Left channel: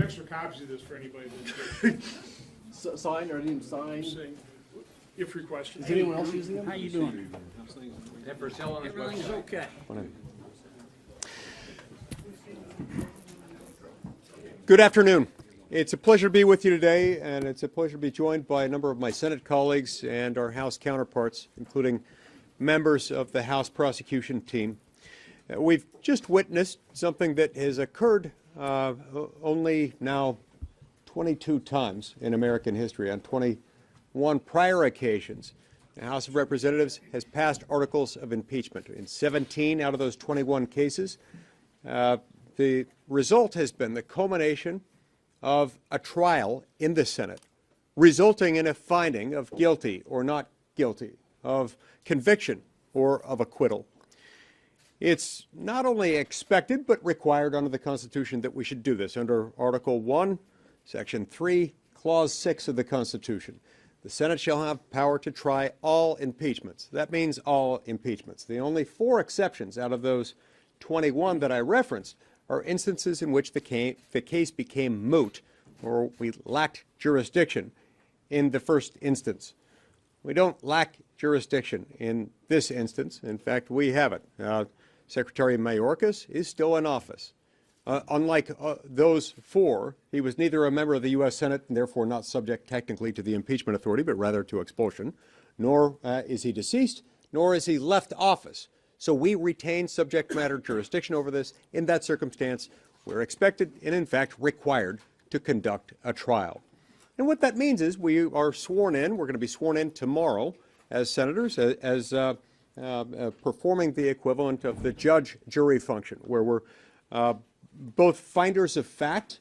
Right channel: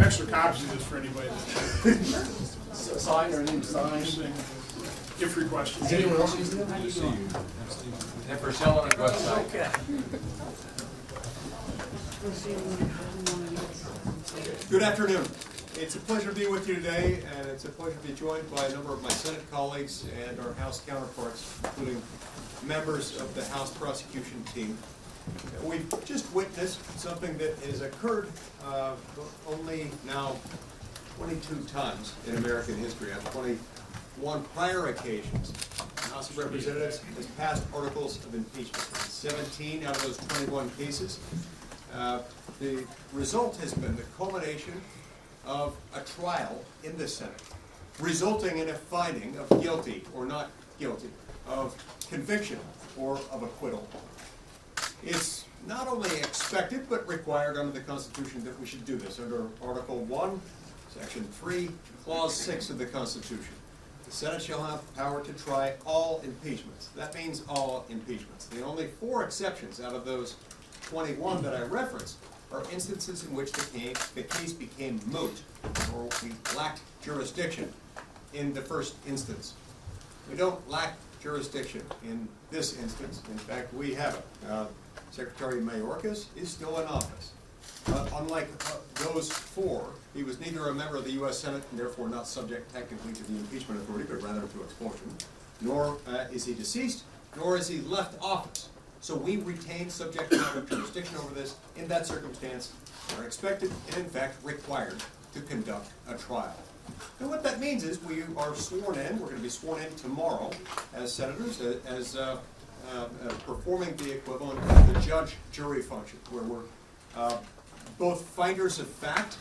some extra copies of this for anybody that Sign or need to sign? if requested. Is anyone else using it? And for sale on the website. Okay. Good afternoon. It's a pleasure to be with you today, and it's a pleasure to be joined by a number of my Senate colleagues and our House counterparts, including members of the House prosecution team. We've just witnessed something that has occurred only now 22 times in American history. On 21 prior occasions, the House of Representatives has passed articles of impeachment. In 17 out of those 21 cases, the result has been the culmination of a trial in the Senate, resulting in a finding of guilty or not guilty, of conviction or of acquittal. It's not only expected but required under the Constitution that we should do this. Under Article 1, Section 3, Clause 6 of the Constitution, the Senate shall have power to try all impeachments. That means all impeachments. The only 4 exceptions out of those 21 that I referenced are instances in which the case became moot or we lacked jurisdiction in the first instance. We don't lack jurisdiction in this instance. In fact, we have it. Secretary Mayorkas is still in office. Unlike those 4, he was neither a member of the U.S. Senate and therefore not subject technically to the impeachment authority, but rather to expulsion, nor is he deceased, nor is he left office. So we retain subject matter jurisdiction over this. In that circumstance, we're expected and in fact required to conduct a trial. And what that means is we are sworn in. We're going to be sworn in tomorrow as senators, as performing the equivalent of the judge-jury function, where we're both finders of fact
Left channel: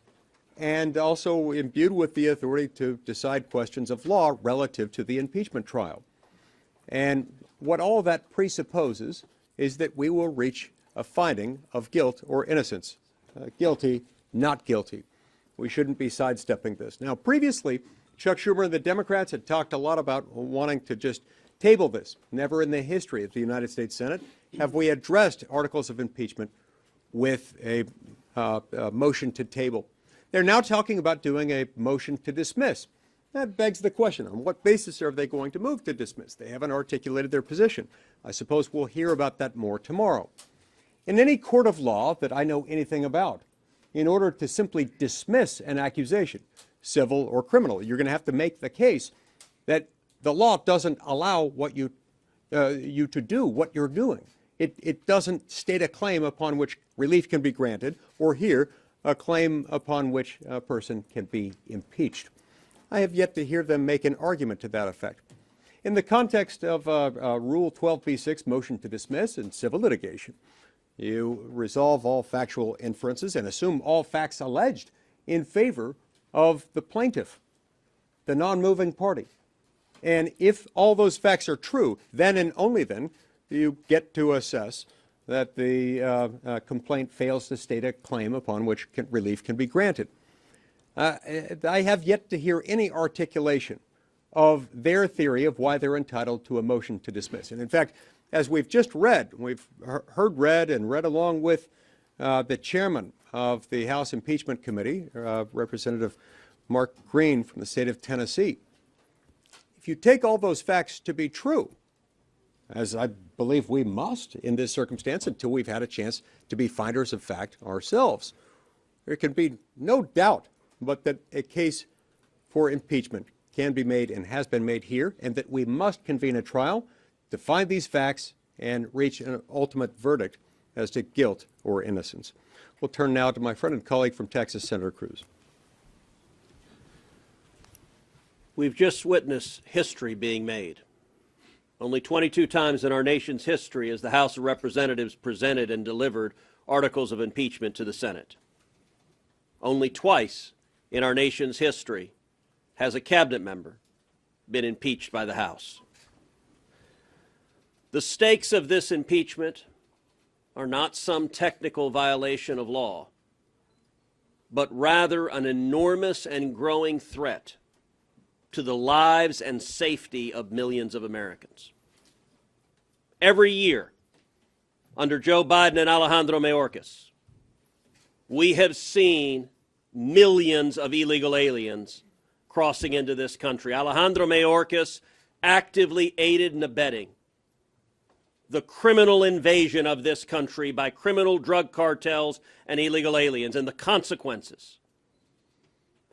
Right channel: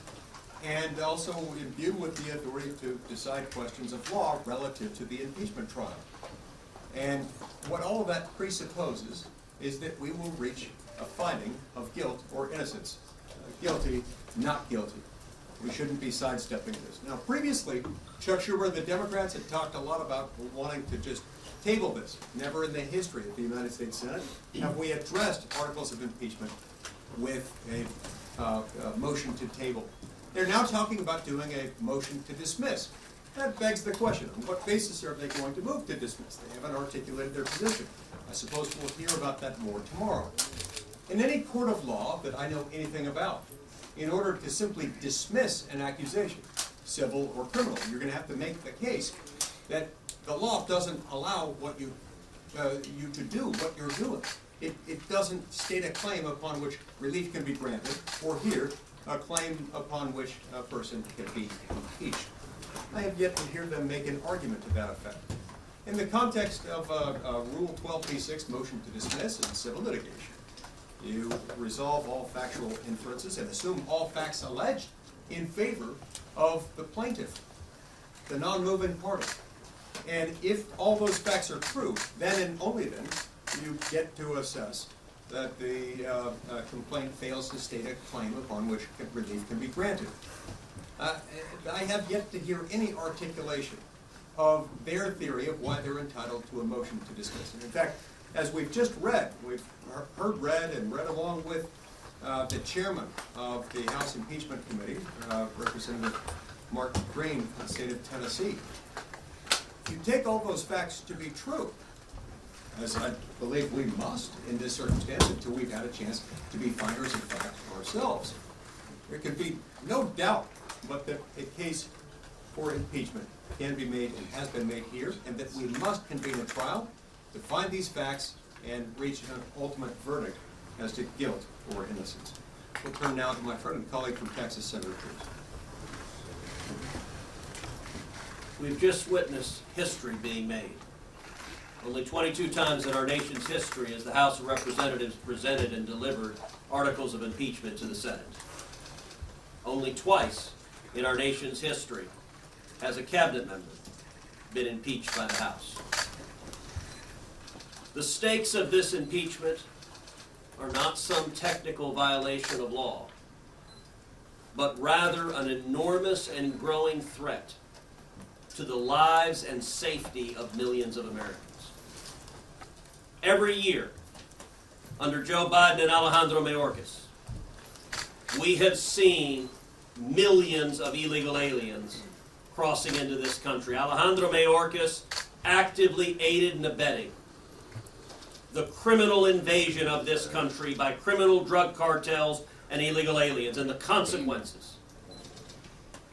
and also imbued with the authority to decide questions of law relative to the impeachment trial. And what all of that presupposes is that we will reach a finding of guilt or innocence. Guilty, not guilty. We shouldn't be sidestepping this. Now, previously, Chuck Schumer and the Democrats had talked a lot about wanting to just table this. Never in the history of the United States Senate have we addressed articles of impeachment with a motion to table. They're now talking about doing a motion to dismiss. That begs the question, on what basis are they going to move to dismiss? They haven't articulated their position. I suppose we'll hear about that more tomorrow. In any court of law that I know anything about, in order to simply dismiss an accusation, civil or criminal, you're going to have to make the case that the law doesn't allow what you to do what you're doing. It doesn't state a claim upon which relief can be granted, or here, a claim upon which a person can be impeached. I have yet to hear them make an argument to that effect. In the context of Rule 12b-6, motion to dismiss in civil litigation, you resolve all factual inferences and assume all facts alleged in favor of the plaintiff, the non-moving party. And if all those facts are true, then and only then you get to assess that the complaint fails to state a claim upon which relief can be granted. I have yet to hear any articulation of their theory of why they're entitled to a motion to dismiss. And in fact, as we've just read, we've heard read and read along with the chairman of the House Impeachment Committee, Representative Mark Green from the state of Tennessee. If you take all those facts to be true, as I believe we must in this circumstance until we've had a chance to be finders of fact ourselves, there can be no doubt but that a case for impeachment can be made and has been made here, and that we must convene a trial to find these facts and reach an ultimate verdict as to guilt or innocence. We'll turn now to my friend and colleague from Texas, Senator Cruz. We've just witnessed history being made. Only 22 times in our nation's history has the House of Representatives presented and delivered articles of impeachment to the Senate. Only twice in our nation's history has a cabinet member been impeached by the House. The stakes of this impeachment are not some technical violation of law, but rather an enormous and growing threat to the lives and safety of millions of Americans. Every year, under Joe Biden and Alejandro Mayorkas, we have seen millions of illegal aliens crossing into this country. Alejandro Mayorkas actively aided and abetting the criminal invasion of this country by criminal drug cartels and illegal aliens. And the consequences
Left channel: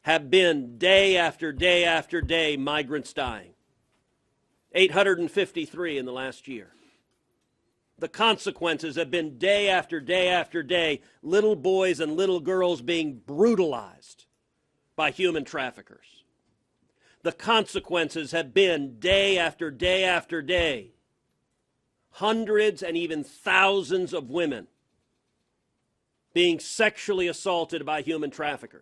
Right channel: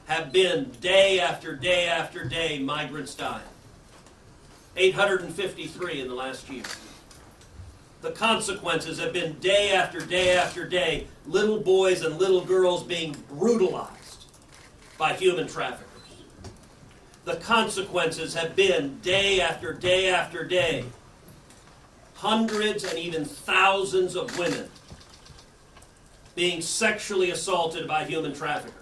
have been day after day after day, migrants dying. 853 in the last year. The consequences have been day after day after day, little boys and little girls being brutalized by human traffickers. The consequences have been day after day after day, hundreds and even thousands of women being sexually assaulted by human traffickers.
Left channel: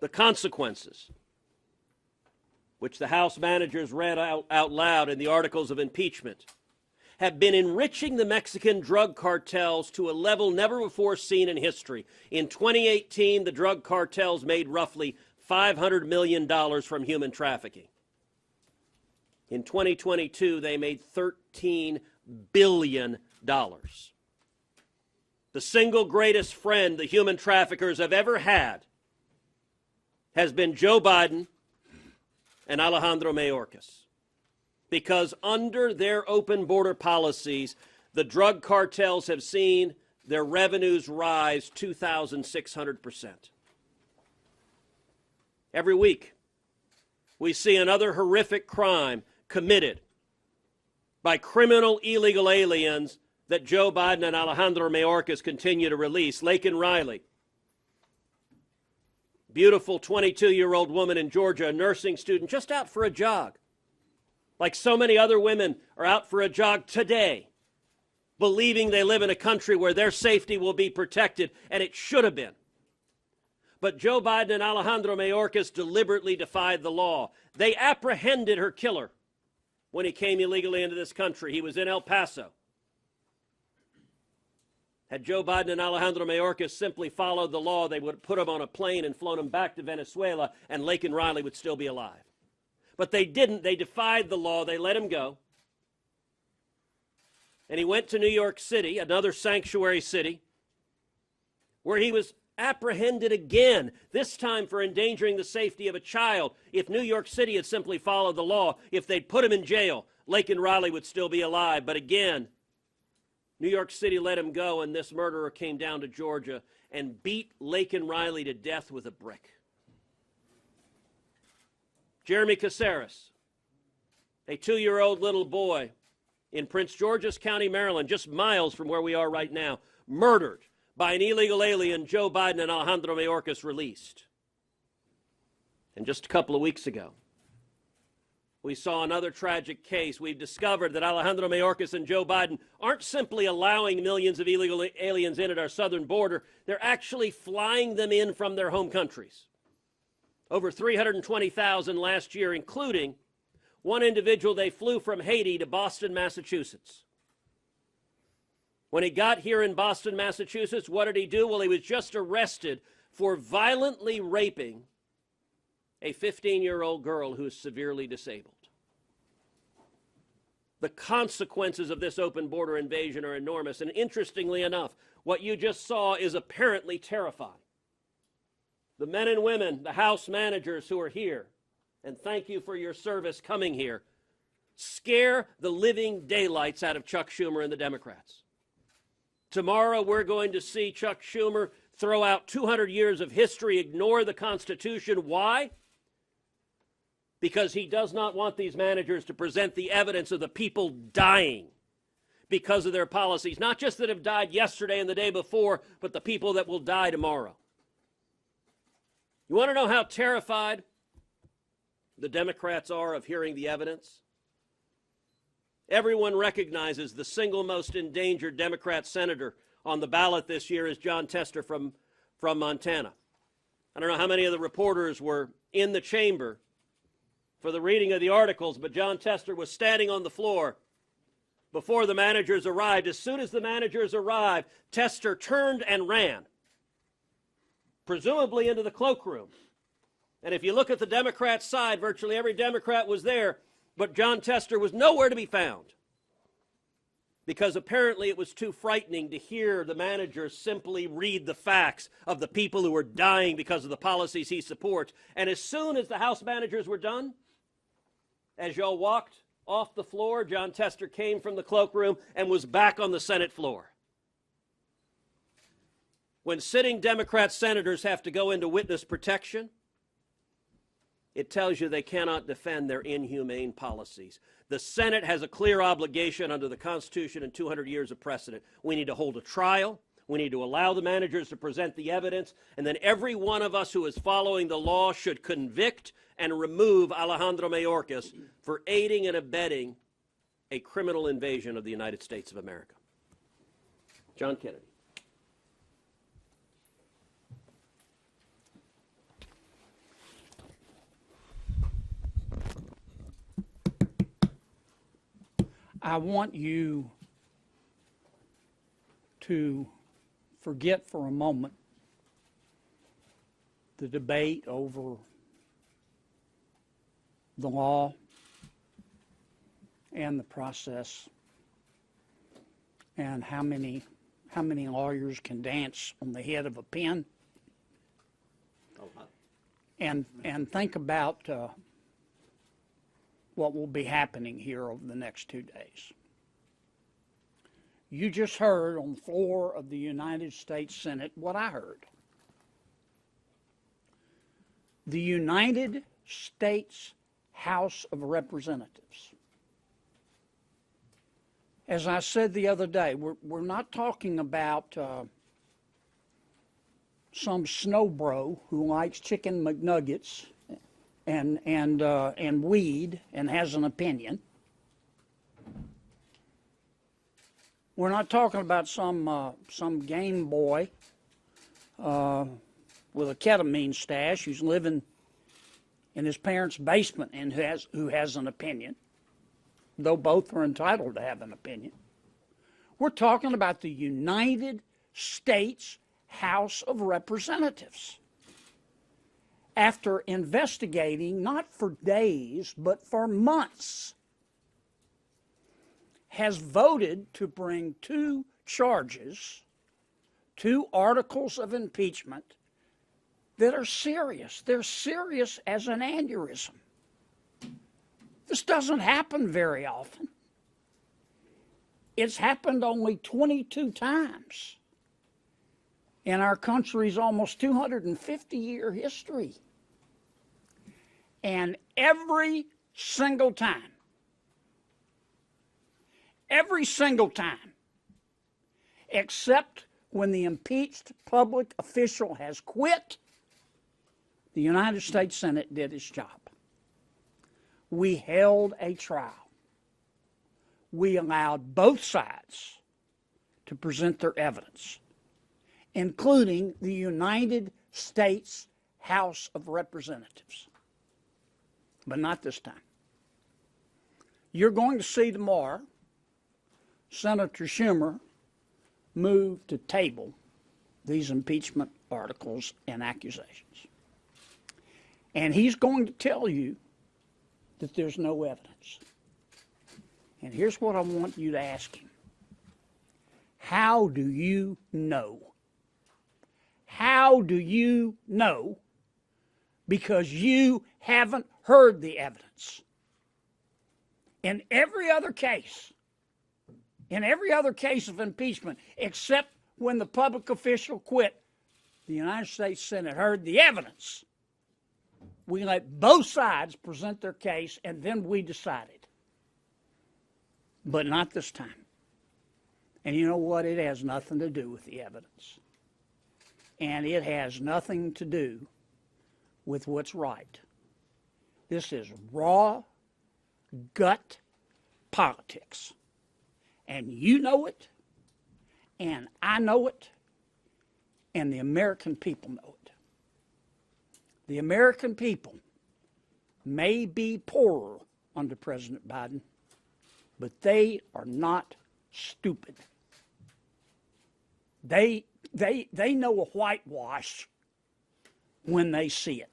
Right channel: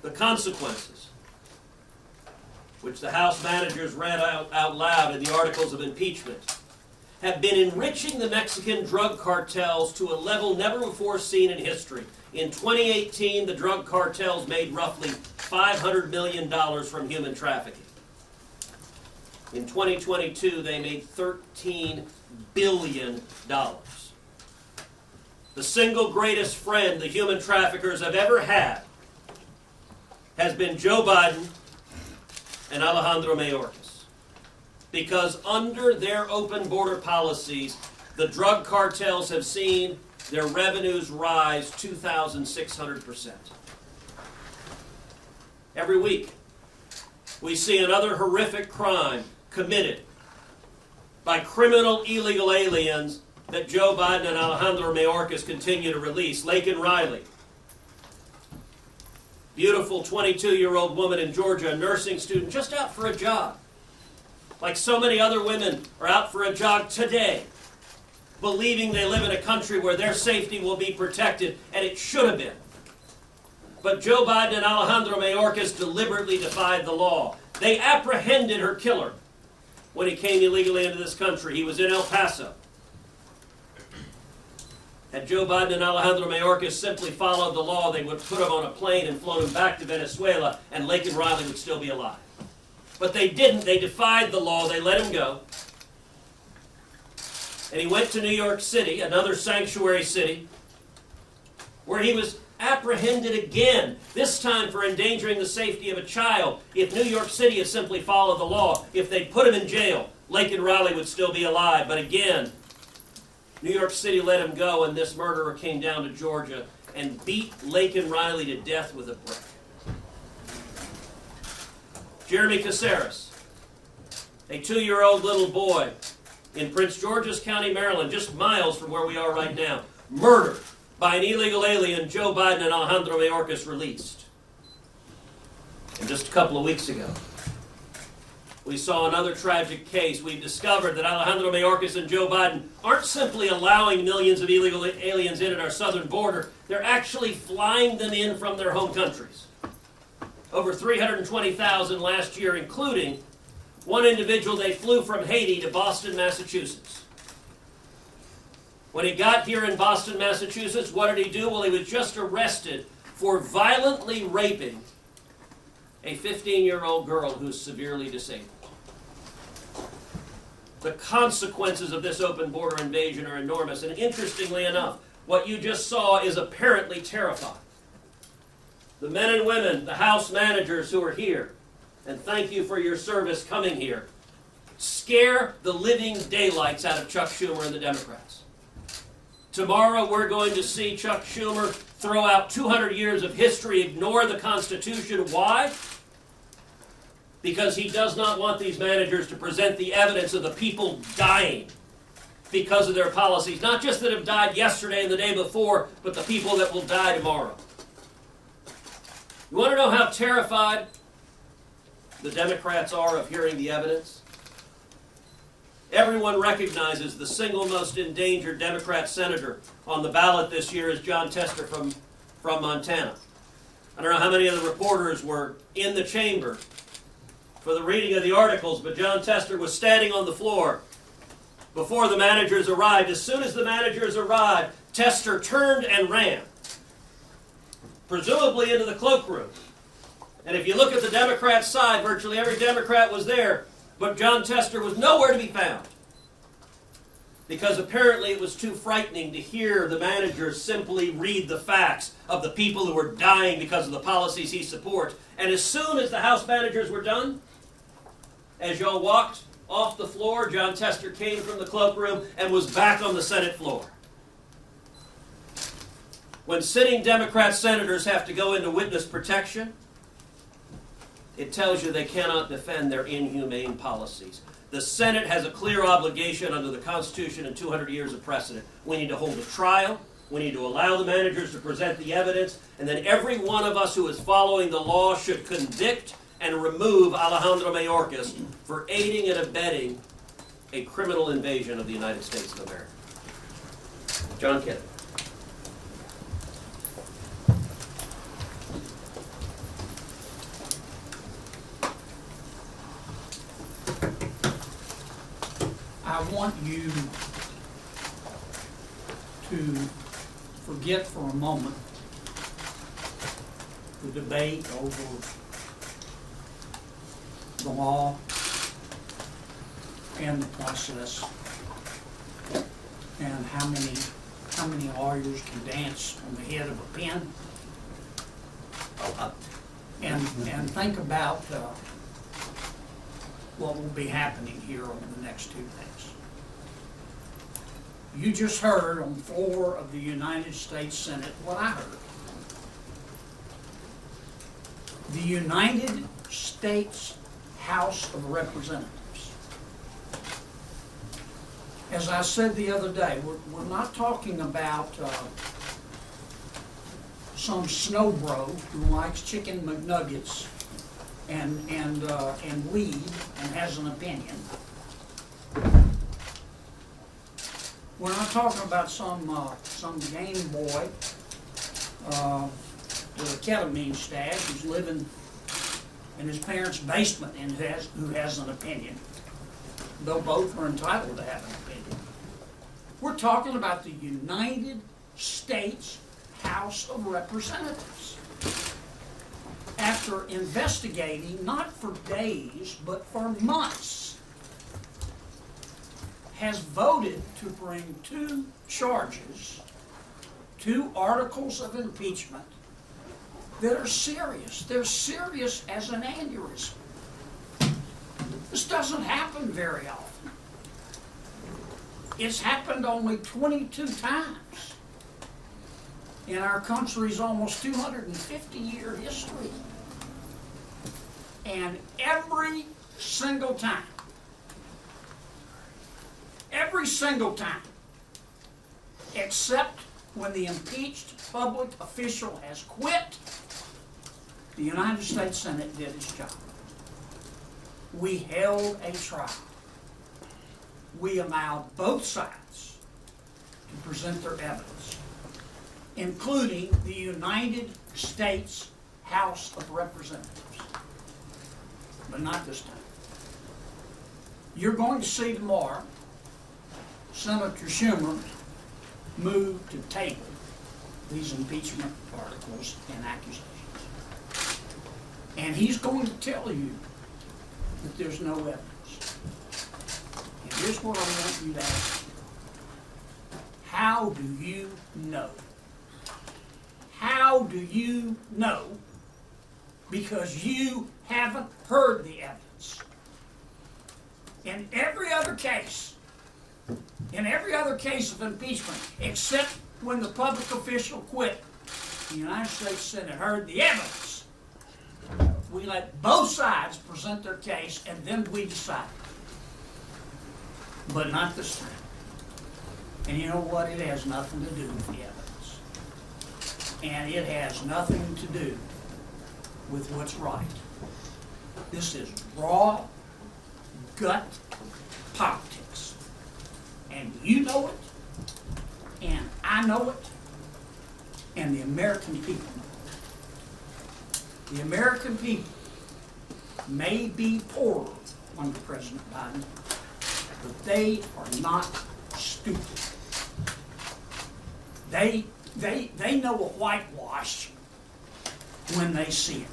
The consequences, which the House managers read out loud in the articles of impeachment, have been enriching the Mexican drug cartels to a level never before seen in history. In 2018, the drug cartels made roughly $500 million from human trafficking. In 2022, they made $13 billion. The single greatest friend the human traffickers have ever had has been Joe Biden and Alejandro Mayorkas. Because under their open border policies, the drug cartels have seen their revenues rise 2,600%. Every week, we see another horrific crime committed by criminal illegal aliens that Joe Biden and Alejandro Mayorkas continue to release. Laken Riley, beautiful 22-year-old woman in Georgia, a nursing student, just out for a jog. Like so many other women are out for a jog today, believing they live in a country where their safety will be protected, and it should have been. But Joe Biden and Alejandro Mayorkas deliberately defied the law. They apprehended her killer when he came illegally into this country. He was in El Paso. Had Joe Biden and Alejandro Mayorkas simply followed the law, they would put him on a plane and float him back to Venezuela, and Laken Riley would still be alive. But they didn't. They defied the law. They let him go. And he went to New York City, another sanctuary city, where he was apprehended again, this time for endangering the safety of a child. If New York City had simply followed the law, if they'd put him in jail, Laken Riley would still be alive. But again, New York City let him go, and this murderer came down to Georgia and beat Laken Riley to death with a brick. Jeremy Caceres, a 2-year-old little boy in Prince George's County, Maryland, just miles from where we are right now, murdered by an illegal alien Joe Biden and Alejandro Mayorkas released. And just a couple of weeks ago, we saw another tragic case. We discovered that Alejandro Mayorkas and Joe Biden aren't simply allowing millions of illegal aliens in at our southern border, they're actually flying them in from their home countries. Over 320,000 last year, including one individual they flew from Haiti to Boston, Massachusetts. When he got here in Boston, Massachusetts, what did he do? Well, he was just arrested for violently raping a 15-year-old girl who's severely disabled. The consequences of this open border invasion are enormous, and interestingly enough, what you just saw is apparently terrifying. The men and women, the House managers who are here, and thank you for your service coming here, scare the living daylights out of Chuck Schumer and the Democrats. Tomorrow we're going to see Chuck Schumer throw out 200 years of history, ignore the Constitution. Why? Because he does not want these managers to present the evidence of the people dying because of their policies. Not just that have died yesterday and the day before, but the people that will die tomorrow. You want to know how terrified the Democrats are of hearing the evidence? Everyone recognizes the single most endangered Democrat senator on the ballot this year is Jon Tester from Montana. I don't know how many of the reporters were in the chamber for the reading of the articles, but Jon Tester was standing on the floor before the managers arrived. As soon as the managers arrived, Tester turned and ran, presumably into the cloakroom. And if you look at the Democrat side, virtually every Democrat was there, but Jon Tester was nowhere to be found. because apparently it was too frightening to hear the manager simply read the facts of the people who were dying because of the policies he supports. And as soon as the House managers were done, as y'all walked off the floor, John Tester came from the cloakroom and was back on the Senate floor. When sitting Democrat senators have to go into witness protection, it tells you they cannot defend their inhumane policies. The Senate has a clear obligation under the Constitution and 200 years of precedent. We need to hold a trial. We need to allow the managers to present the evidence. And then every one of us who is following the law should convict and remove Alejandro Mayorkas for aiding and abetting a criminal invasion of the United States of America. John Kennedy. I want you to forget for a moment the debate over the law and the process and how many lawyers can dance on the head of a pin. And think about what will be happening here over the next 2 days. You just heard on the floor of the United States Senate what I heard. The United States House of Representatives. As I said the other day, we're not talking about some snowbro who likes chicken McNuggets and weed and has an opinion. We're not talking about some game boy with a ketamine stash who's living in his parents' basement and who has an opinion, though both are entitled to have an opinion. We're talking about the United States House of Representatives. After investigating, not for days, but for months, has voted to bring 2 charges, 2 articles of impeachment that are serious. They're serious as an aneurysm. This doesn't happen very often. It's happened only 22 times in our country's almost 250-year history. And every single time, except when the impeached public official has quit, the United States Senate did its job. We held a trial. We allowed both sides to present their evidence, including the United States House of Representatives. But not this time. You're going to see tomorrow Senator Schumer move to table these impeachment articles and accusations. And he's going to tell you that there's no evidence. And here's what I want you to ask. How do you know? How do you know? Because you haven't heard the evidence. In every other case of impeachment, except when the public official quit, the United States Senate heard the evidence. We let both sides present their case, and then we decide. But not this time. And you know what? It has nothing to do with the evidence. And it has nothing to do with what's right. This is raw gut politics. And you know it, and I know it, and the American people know it. The American people may be poorer under President Biden, but they are not stupid. They know a whitewash when they see it.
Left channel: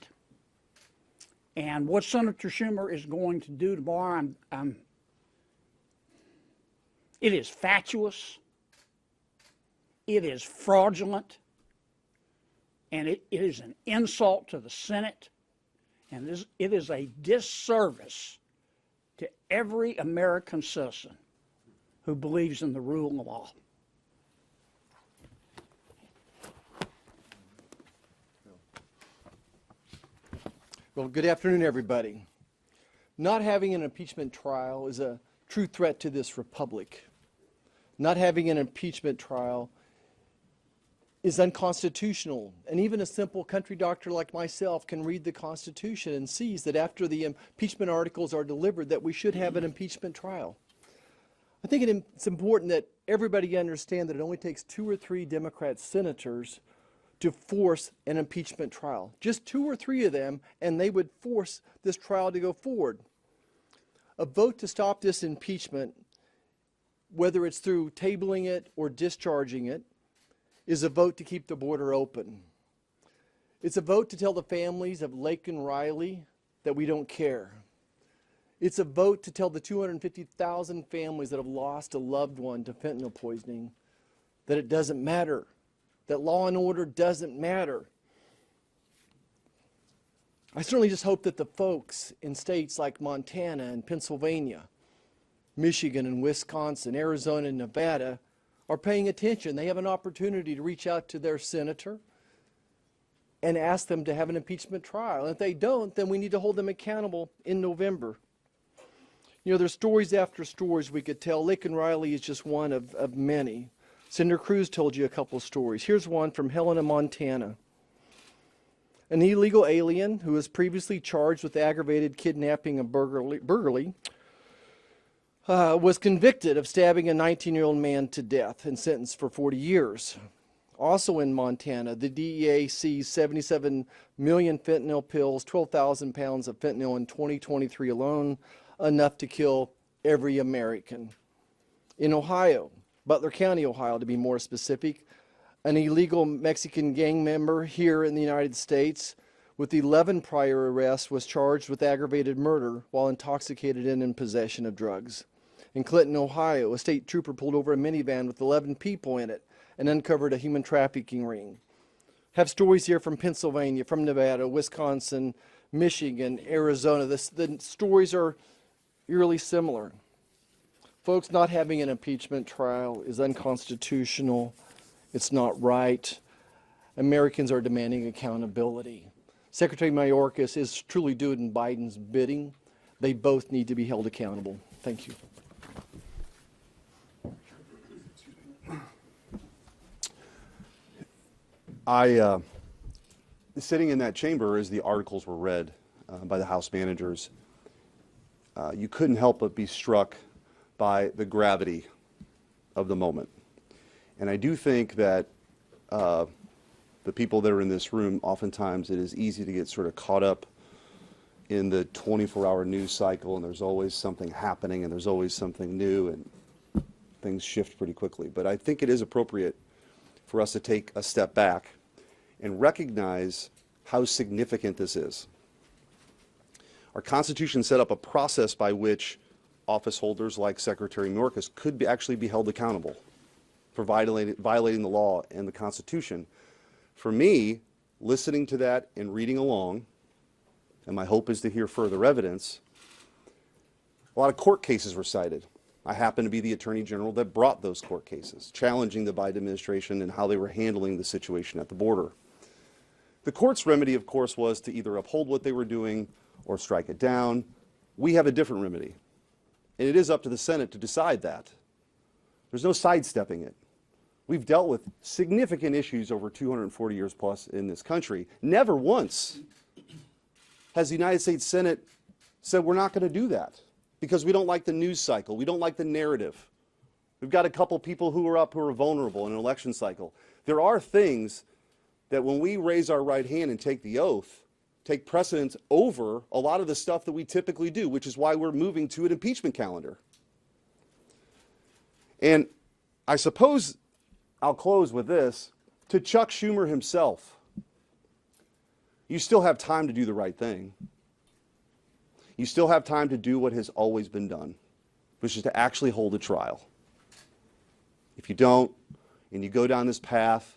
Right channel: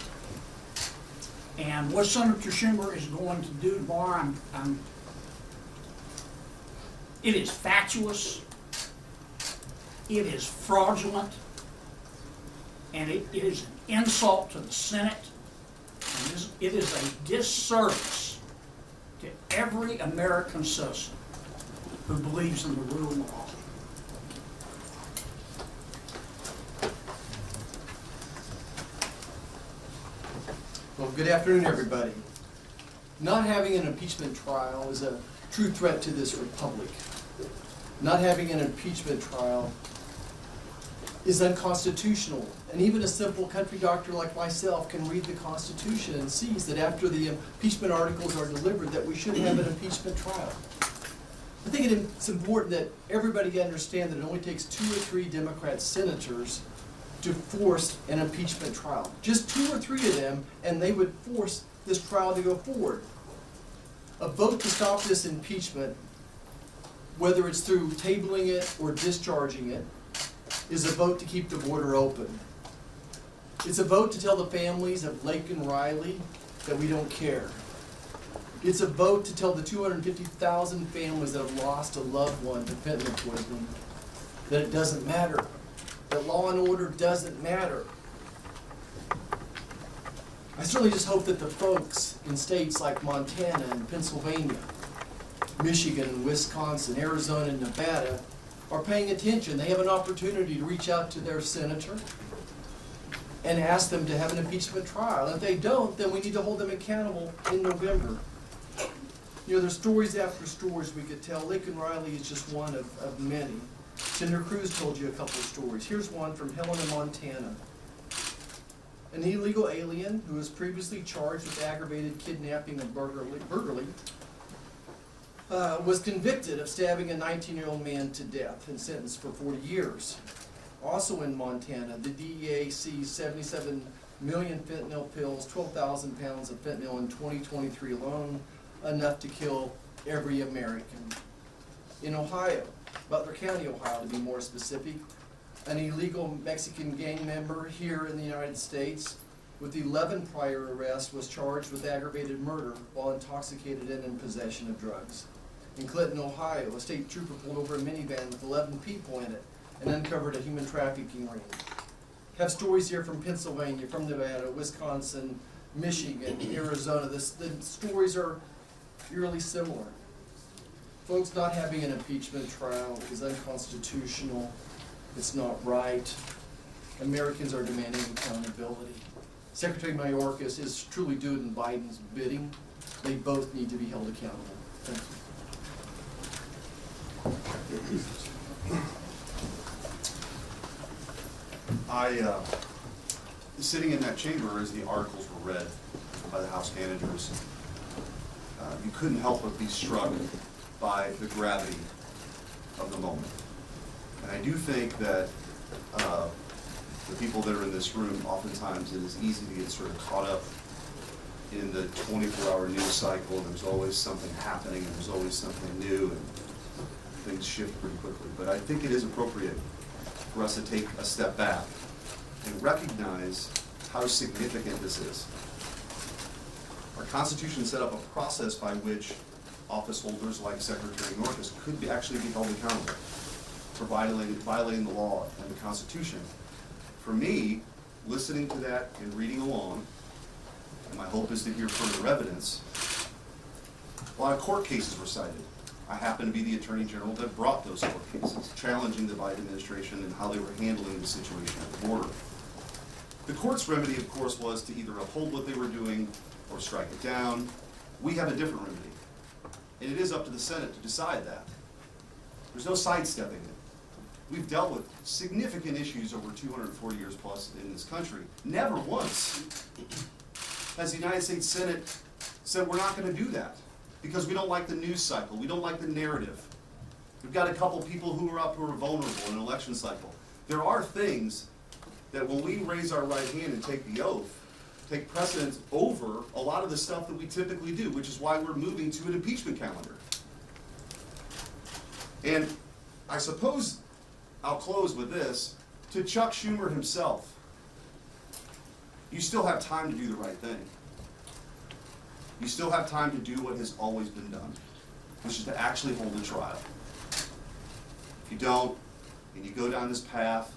And what Senator Schumer is going to do tomorrow, It is fatuous. It is fraudulent. And it is an insult to the Senate. And it is a disservice to every American citizen who believes in the rule of law. Well, good afternoon, everybody. Not having an impeachment trial is a true threat to this republic. Not having an impeachment trial is unconstitutional. And even a simple country doctor like myself can read the Constitution and sees that after the impeachment articles are delivered that we should have an impeachment trial. I think it's important that everybody understand that it only takes 2 or 3 Democrat senators to force an impeachment trial. Just 2 or 3 of them, and they would force this trial to go forward. A vote to stop this impeachment, whether it's through tabling it or discharging it, is a vote to keep the border open. It's a vote to tell the families of Lake and Riley that we don't care. It's a vote to tell the 250,000 families that have lost a loved one to fentanyl poisoning that it doesn't matter, that law and order doesn't matter. I certainly just hope that the folks in states like Montana and Pennsylvania, Michigan, Wisconsin, Arizona, and Nevada are paying attention. They have an opportunity to reach out to their senator and ask them to have an impeachment trial. If they don't, then we need to hold them accountable in November. You know, there's stories after stories we could tell. Lincoln Riley is just one of many. Senator Cruz told you a couple of stories. Here's one from Helena, Montana. An illegal alien who was previously charged with aggravated kidnapping and burglary was convicted of stabbing a 19-year-old man to death and sentenced for 40 years. Also in Montana, the DEA seized 77 million fentanyl pills, 12,000 pounds of fentanyl in 2023 alone, enough to kill every American. In Ohio, Butler County, Ohio to be more specific, an illegal Mexican gang member here in the United States with 11 prior arrests was charged with aggravated murder while intoxicated and in possession of drugs. In Clinton, Ohio, a state trooper pulled over a minivan with 11 people in it and uncovered a human trafficking ring. Have stories here from Pennsylvania, from Nevada, Wisconsin, Michigan, Arizona. The stories are eerily similar. Folks, not having an impeachment trial is unconstitutional. It's not right. Americans are demanding accountability. Secretary Mayorkas is truly doing Biden's bidding. They both need to be held accountable. Thank you. Sitting in that chamber as the articles were read by the House managers, you couldn't help but be struck by the gravity of the moment. And I do think that the people that are in this room, oftentimes it is easy to get sort of caught up in the 24-hour news cycle, and there's always something happening, and there's always something new, and things shift pretty quickly. But I think it is appropriate for us to take a step back and recognize how significant this is. Our Constitution set up a process by which office holders like Secretary Mayorkas could actually be held accountable for violating the law and the Constitution. For me, listening to that and reading along, and my hope is to hear further evidence, a lot of court cases were cited. I happen to be the Attorney General that brought those court cases, challenging the Biden administration and how they were handling the situation at the border. The court's remedy, of course, was to either uphold what they were doing or strike it down. We have a different remedy, and it is up to the Senate to decide that. There's no sidestepping it. We've dealt with significant issues over 240 years plus in this country. Never once has the United States Senate said we're not going to do that because we don't like the news cycle. We don't like the narrative. We've got a couple people who are vulnerable in an election cycle. There are things that when we raise our right hand and take the oath, take precedence over a lot of the stuff that we typically do, which is why we're moving to an impeachment calendar. And I suppose I'll close with this. To Chuck Schumer himself, you still have time to do the right thing. You still have time to do what has always been done, which is to actually hold a trial. you don't, and you go down this path,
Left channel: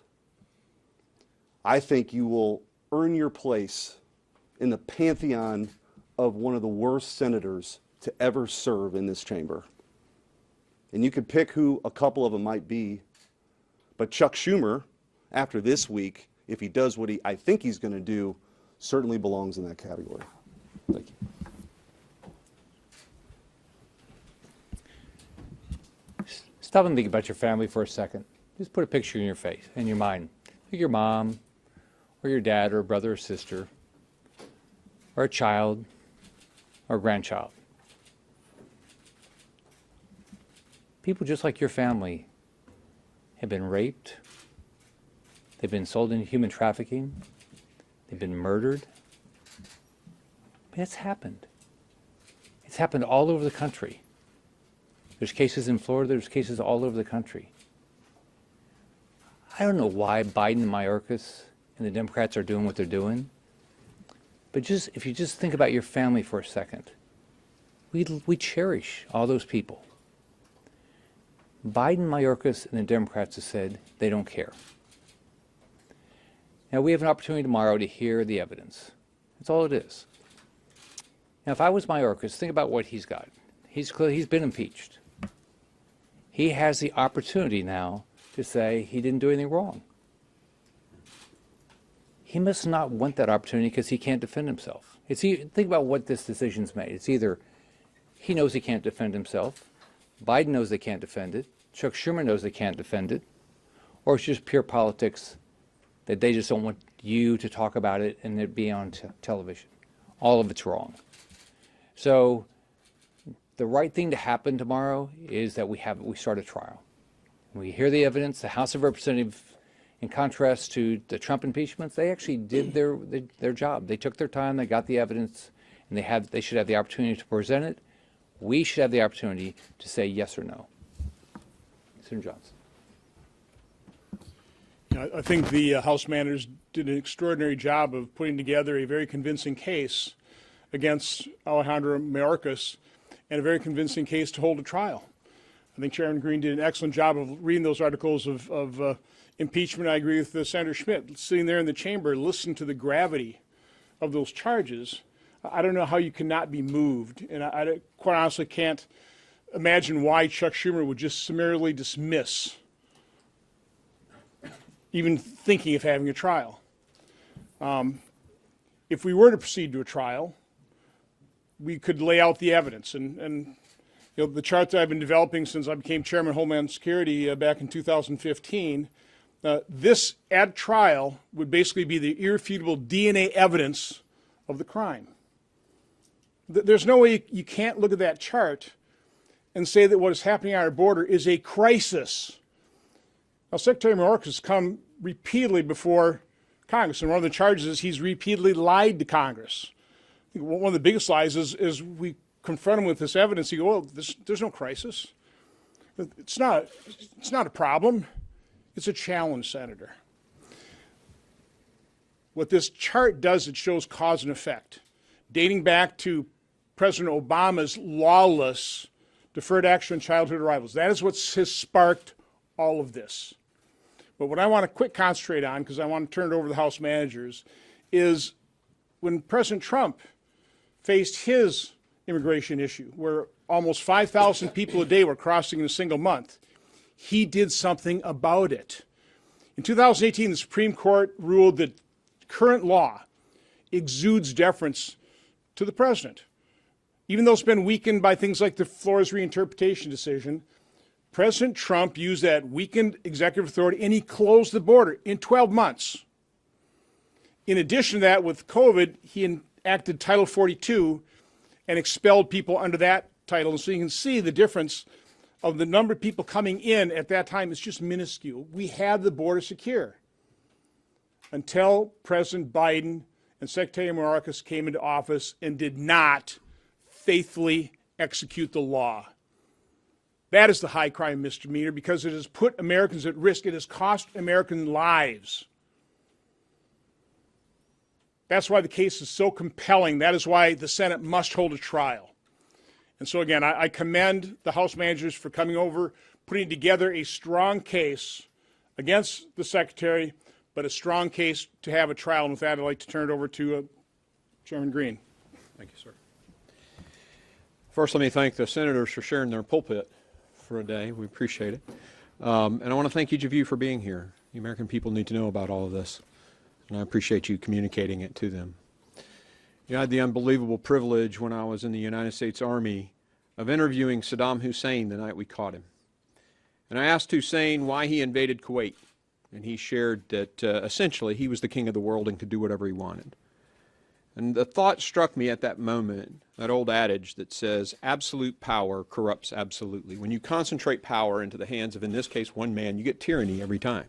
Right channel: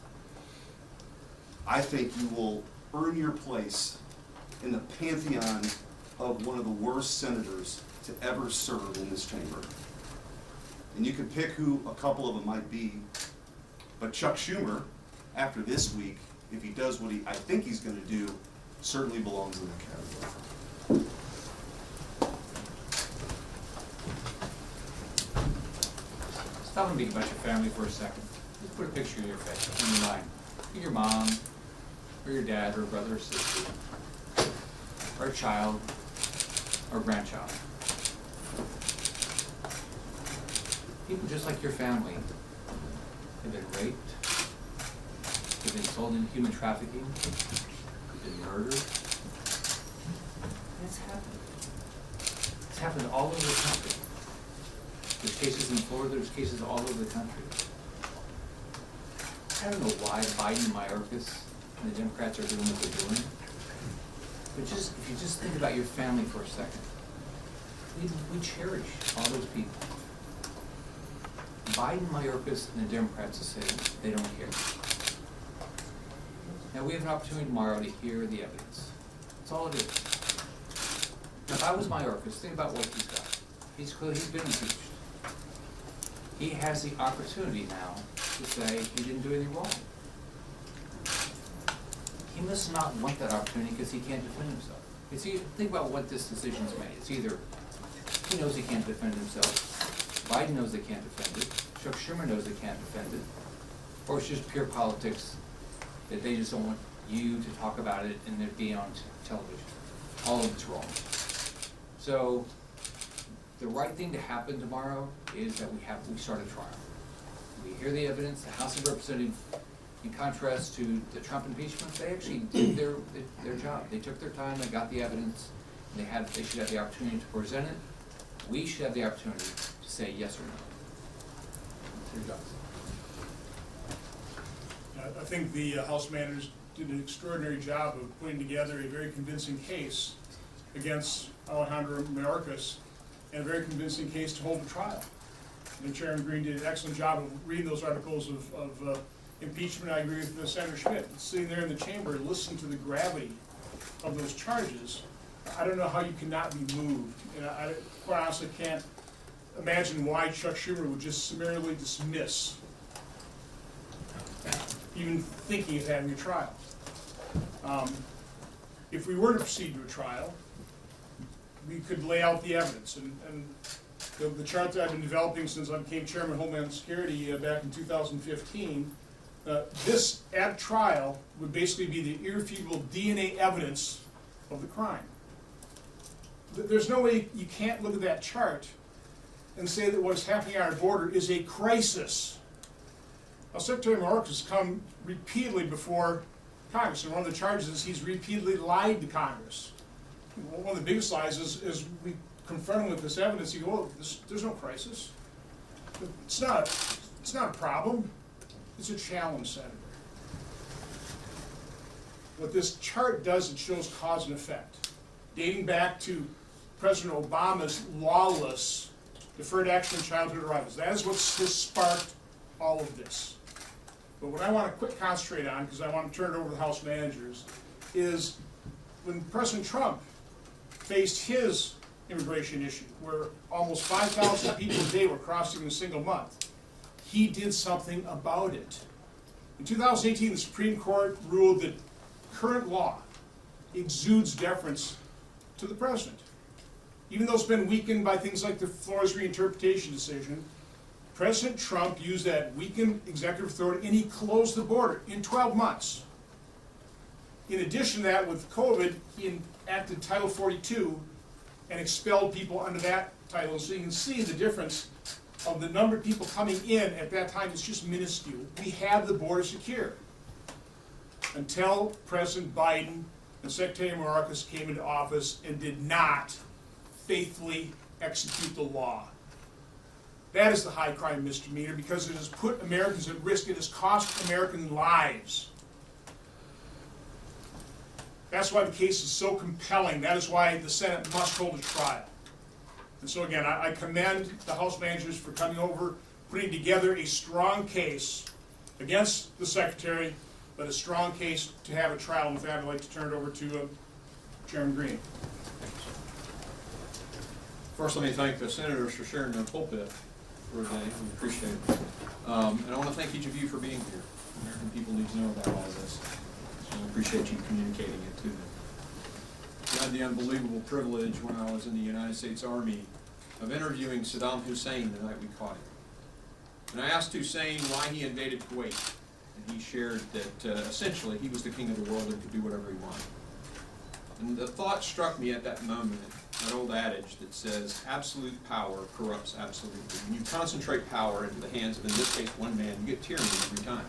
I think you will earn your place in the pantheon of one of the worst senators to ever serve in this chamber. And you can pick who a couple of them might be, but Chuck Schumer, after this week, if he does what I think he's going to do, certainly belongs in that category. Stop and think about your family for a second. Just put a picture in your face, in your mind. Pick your mom, or your dad, or a brother or sister, or a child, or a grandchild. People just like your family have been raped, they've been sold into human trafficking, they've been murdered. It's happened. It's happened all over the country. There's cases in Florida, there's cases all over the country. I don't know why Biden, Mayorkas, and the Democrats are doing what they're doing, but if you just think about your family for a second, we cherish all those people. Biden, Mayorkas, and the Democrats have said they don't care. Now we have an opportunity tomorrow to hear the evidence. That's all it is. Now if I was Mayorkas, think about what he's got. He's been impeached. He has the opportunity now to say he didn't do anything wrong. He must not want that opportunity because he can't defend himself. Think about what this decision's made. It's either he knows he can't defend himself, Biden knows they can't defend it, Chuck Schumer knows they can't defend it, or it's just pure politics that they just don't want you to talk about it and it be on television. All of it's wrong. So the right thing to happen tomorrow is that we start a trial. We hear the evidence. The House of Representatives, in contrast to the Trump impeachment, they actually did their job. They took their time, they got the evidence, and they should have the opportunity to present it. We should have the opportunity to say yes or no. Senator Johnson. I think the House managers did an extraordinary job of putting together a very convincing case against Alejandro Mayorkas and a very convincing case to hold a trial. I think Chairman Green did an excellent job of reading those articles of impeachment. I agree with Senator Schmidt. Sitting there in the chamber, listening to the gravity of those charges, I don't know how you cannot be moved. And I quite honestly can't imagine why Chuck Schumer would just summarily dismiss even thinking of having a trial. If we were to proceed to a trial, we could lay out the evidence. And you know, the chart that I've been developing since I became Chairman of Homeland Security back in 2015, this at trial would basically be the irrefutable DNA evidence of the crime. There's no way you can't look at that chart and say that what is happening on our border is a crisis. Now, Secretary Mayorkas has come repeatedly before Congress, and one of the charges is he's repeatedly lied to Congress. One of the biggest lies is we confront him with this evidence. He goes, "Well, there's no crisis. It's not a problem. It's a challenge, Senator." What this chart does, it shows cause and effect, dating back to President Obama's lawless deferred action on childhood arrivals. That is what has sparked all of this. But what I want to quick concentrate on, because I want to turn it over to the House managers, is when President Trump faced his immigration issue, where almost 5,000 people a day were crossing in a single month, he did something about it. In 2018, the Supreme Court ruled that current law exudes deference to the president. Even though it's been weakened by things like the Flores reinterpretation decision, President Trump used that weakened executive authority and he closed the border in 12 months. In addition to that, with COVID, he enacted Title 42 and expelled people under that title. And so you can see the difference of the number of people coming in at that time is just minuscule. We had the border secure until President Biden and Secretary Mayorkas came into office and did not faithfully execute the law. That is the high crime misdemeanor because it has put Americans at risk. It has cost American lives. That's why the case is so compelling. That is why the Senate must hold a trial. And so again, I commend the House managers for coming over, putting together a strong case against the Secretary, but a strong case to have a trial. And with that, I'd like to turn it over to Chairman Green. First, let me thank the senators for sharing their pulpit for a day. We appreciate it. And I want to thank each of you for being here. The American people need to know about all of this. So I appreciate you communicating it to them. I had the unbelievable privilege when I was in the United States Army of interviewing Saddam Hussein the night we caught him. And I asked Hussein why he invaded Kuwait. And he shared that essentially he was the king of the world and could do whatever he wanted. And the thought struck me at that moment, that old adage that says absolute power corrupts absolutely. When you concentrate power into the hands of, in this case, one man, you get tyranny every time.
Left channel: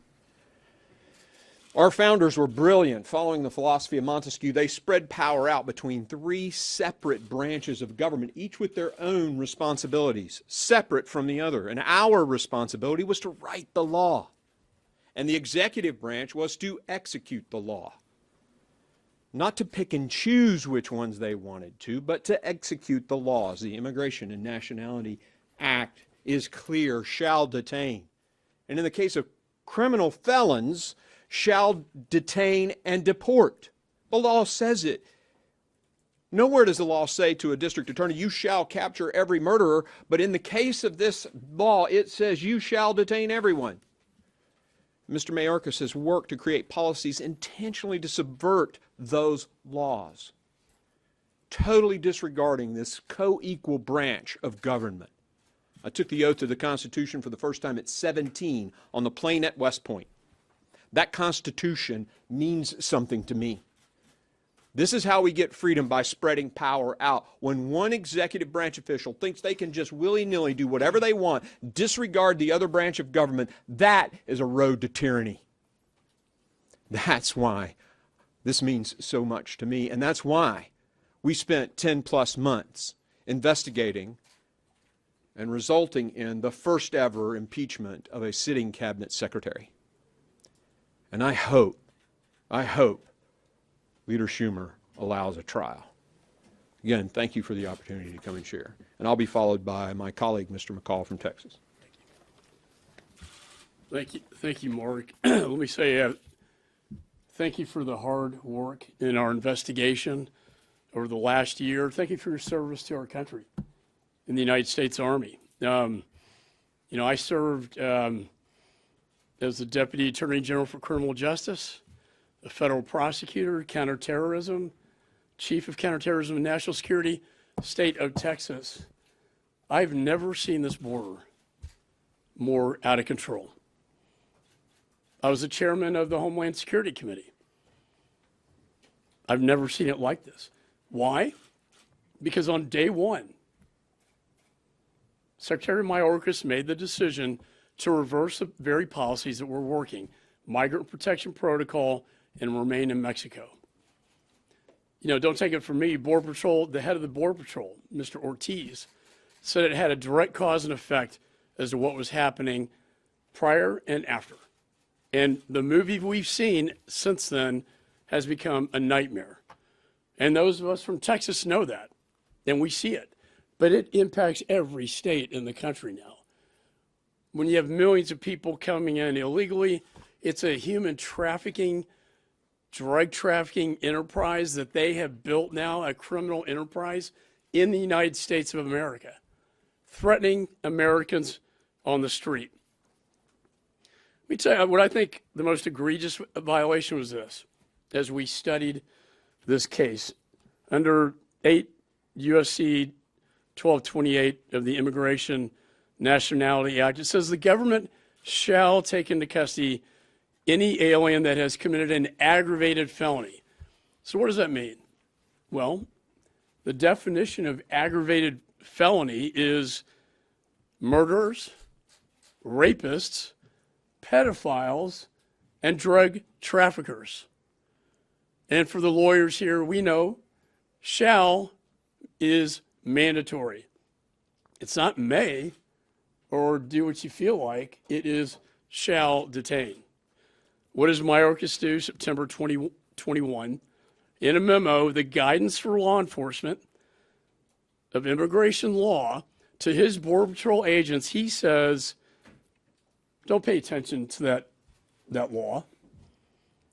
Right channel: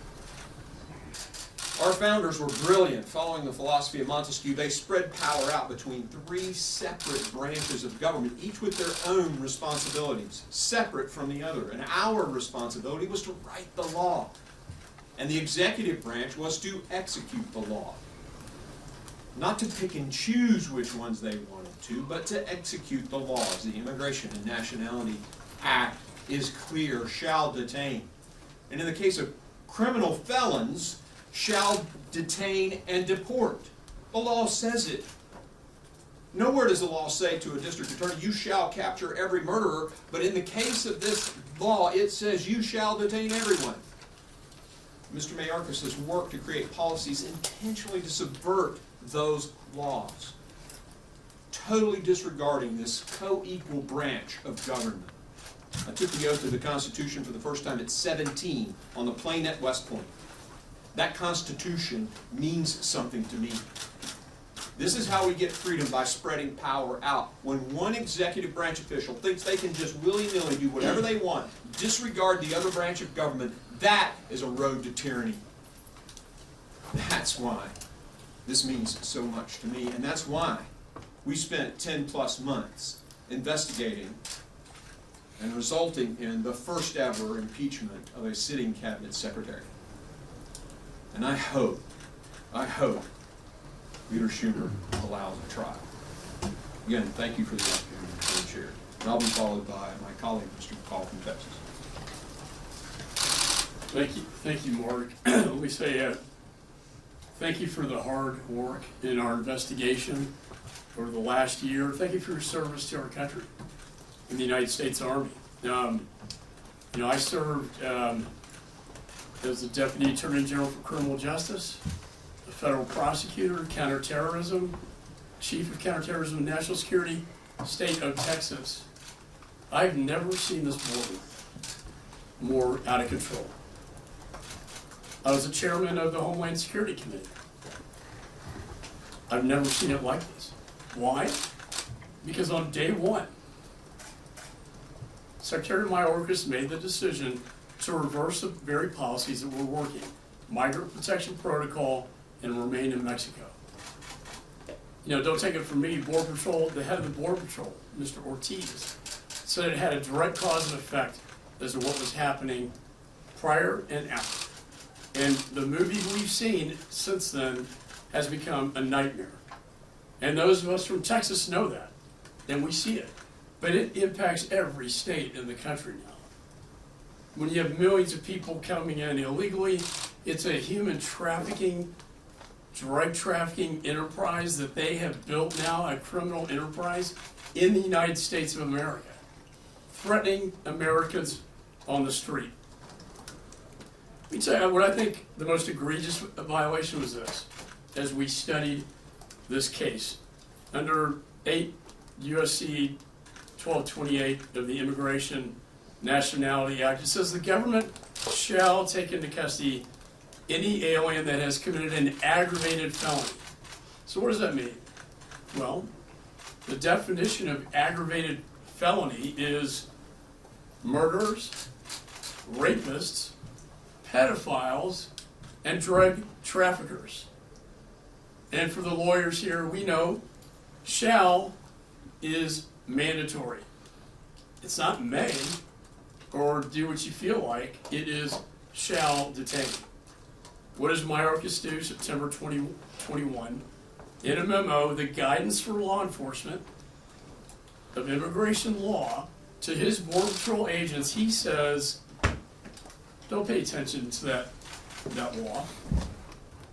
Our founders were brilliant. Following the philosophy of Montesquieu, they spread power out between three separate branches of government, each with their own responsibilities, separate from the other. And our responsibility was to write the law. And the executive branch was to execute the law. Not to pick and choose which ones they wanted to, but to execute the laws. The Immigration and Nationality Act is clear, shall detain. And in the case of criminal felons, shall detain and deport. The law says it. Nowhere does the law say to a district attorney, you shall capture every murderer, but in the case of this law, it says you shall detain everyone. Mr. Mayorkas has worked to create policies intentionally to subvert those laws, totally disregarding this co-equal branch of government. I took the oath of the Constitution for the first time at 17 on the plain at West Point. That Constitution means something to me. This is how we get freedom, by spreading power out. When one executive branch official thinks they can just willy-nilly do whatever they want, disregard the other branch of government, that is a road to tyranny. That's why this means so much to me, and that's why we spent 10+ months investigating and resulting in the first ever impeachment of a sitting cabinet secretary. And I hope Leader Schumer allows a trial. Again, thank you for the opportunity to come and share. And I'll be followed by my colleague, Mr. McCall from Texas. Thank you, Mark. Let me say thank you for the hard work in our investigation over the last year. Thank you for your service to our country in the United States Army. I served as the Deputy Attorney General for Criminal Justice, the Federal Prosecutor, Counterterrorism, Chief of Counterterrorism and National Security, State of Texas. I've never seen this board more out of control. I was the chairman of the Homeland Security Committee. I've never seen it like this. Why? Because on day one, Secretary Mayorkas made the decision to reverse the very policies that were working, Migrant Protection Protocol and remain in Mexico. Don't take it from me, Border Patrol, the head of the Border Patrol, Mr. Ortiz, said it had a direct cause and effect as to what was happening prior and after. And the movie we've seen since then has become a nightmare. And those of us from Texas know that, and we see it. But it impacts every state in the country now. When you have millions of people coming in illegally, it's a human trafficking, drug trafficking enterprise that they have built now, a criminal enterprise in the United States of America, threatening Americans on the street. Let me tell you what I think the most egregious violation was this. As we studied this case, under 8 U.S.C. 1228 of the Immigration Nationality Act, it says the government shall take into custody any alien that has committed an aggravated felony. So what does that mean? Well, the definition of aggravated felony is murderers, rapists, pedophiles, and drug traffickers. And for the lawyers here, we know shall is mandatory. It's not may or do what you feel like. It is shall detain. What does Mayorkas do September 2021? In a memo, the guidance for law enforcement of immigration law to his Border Patrol agents, he says don't pay attention to that law.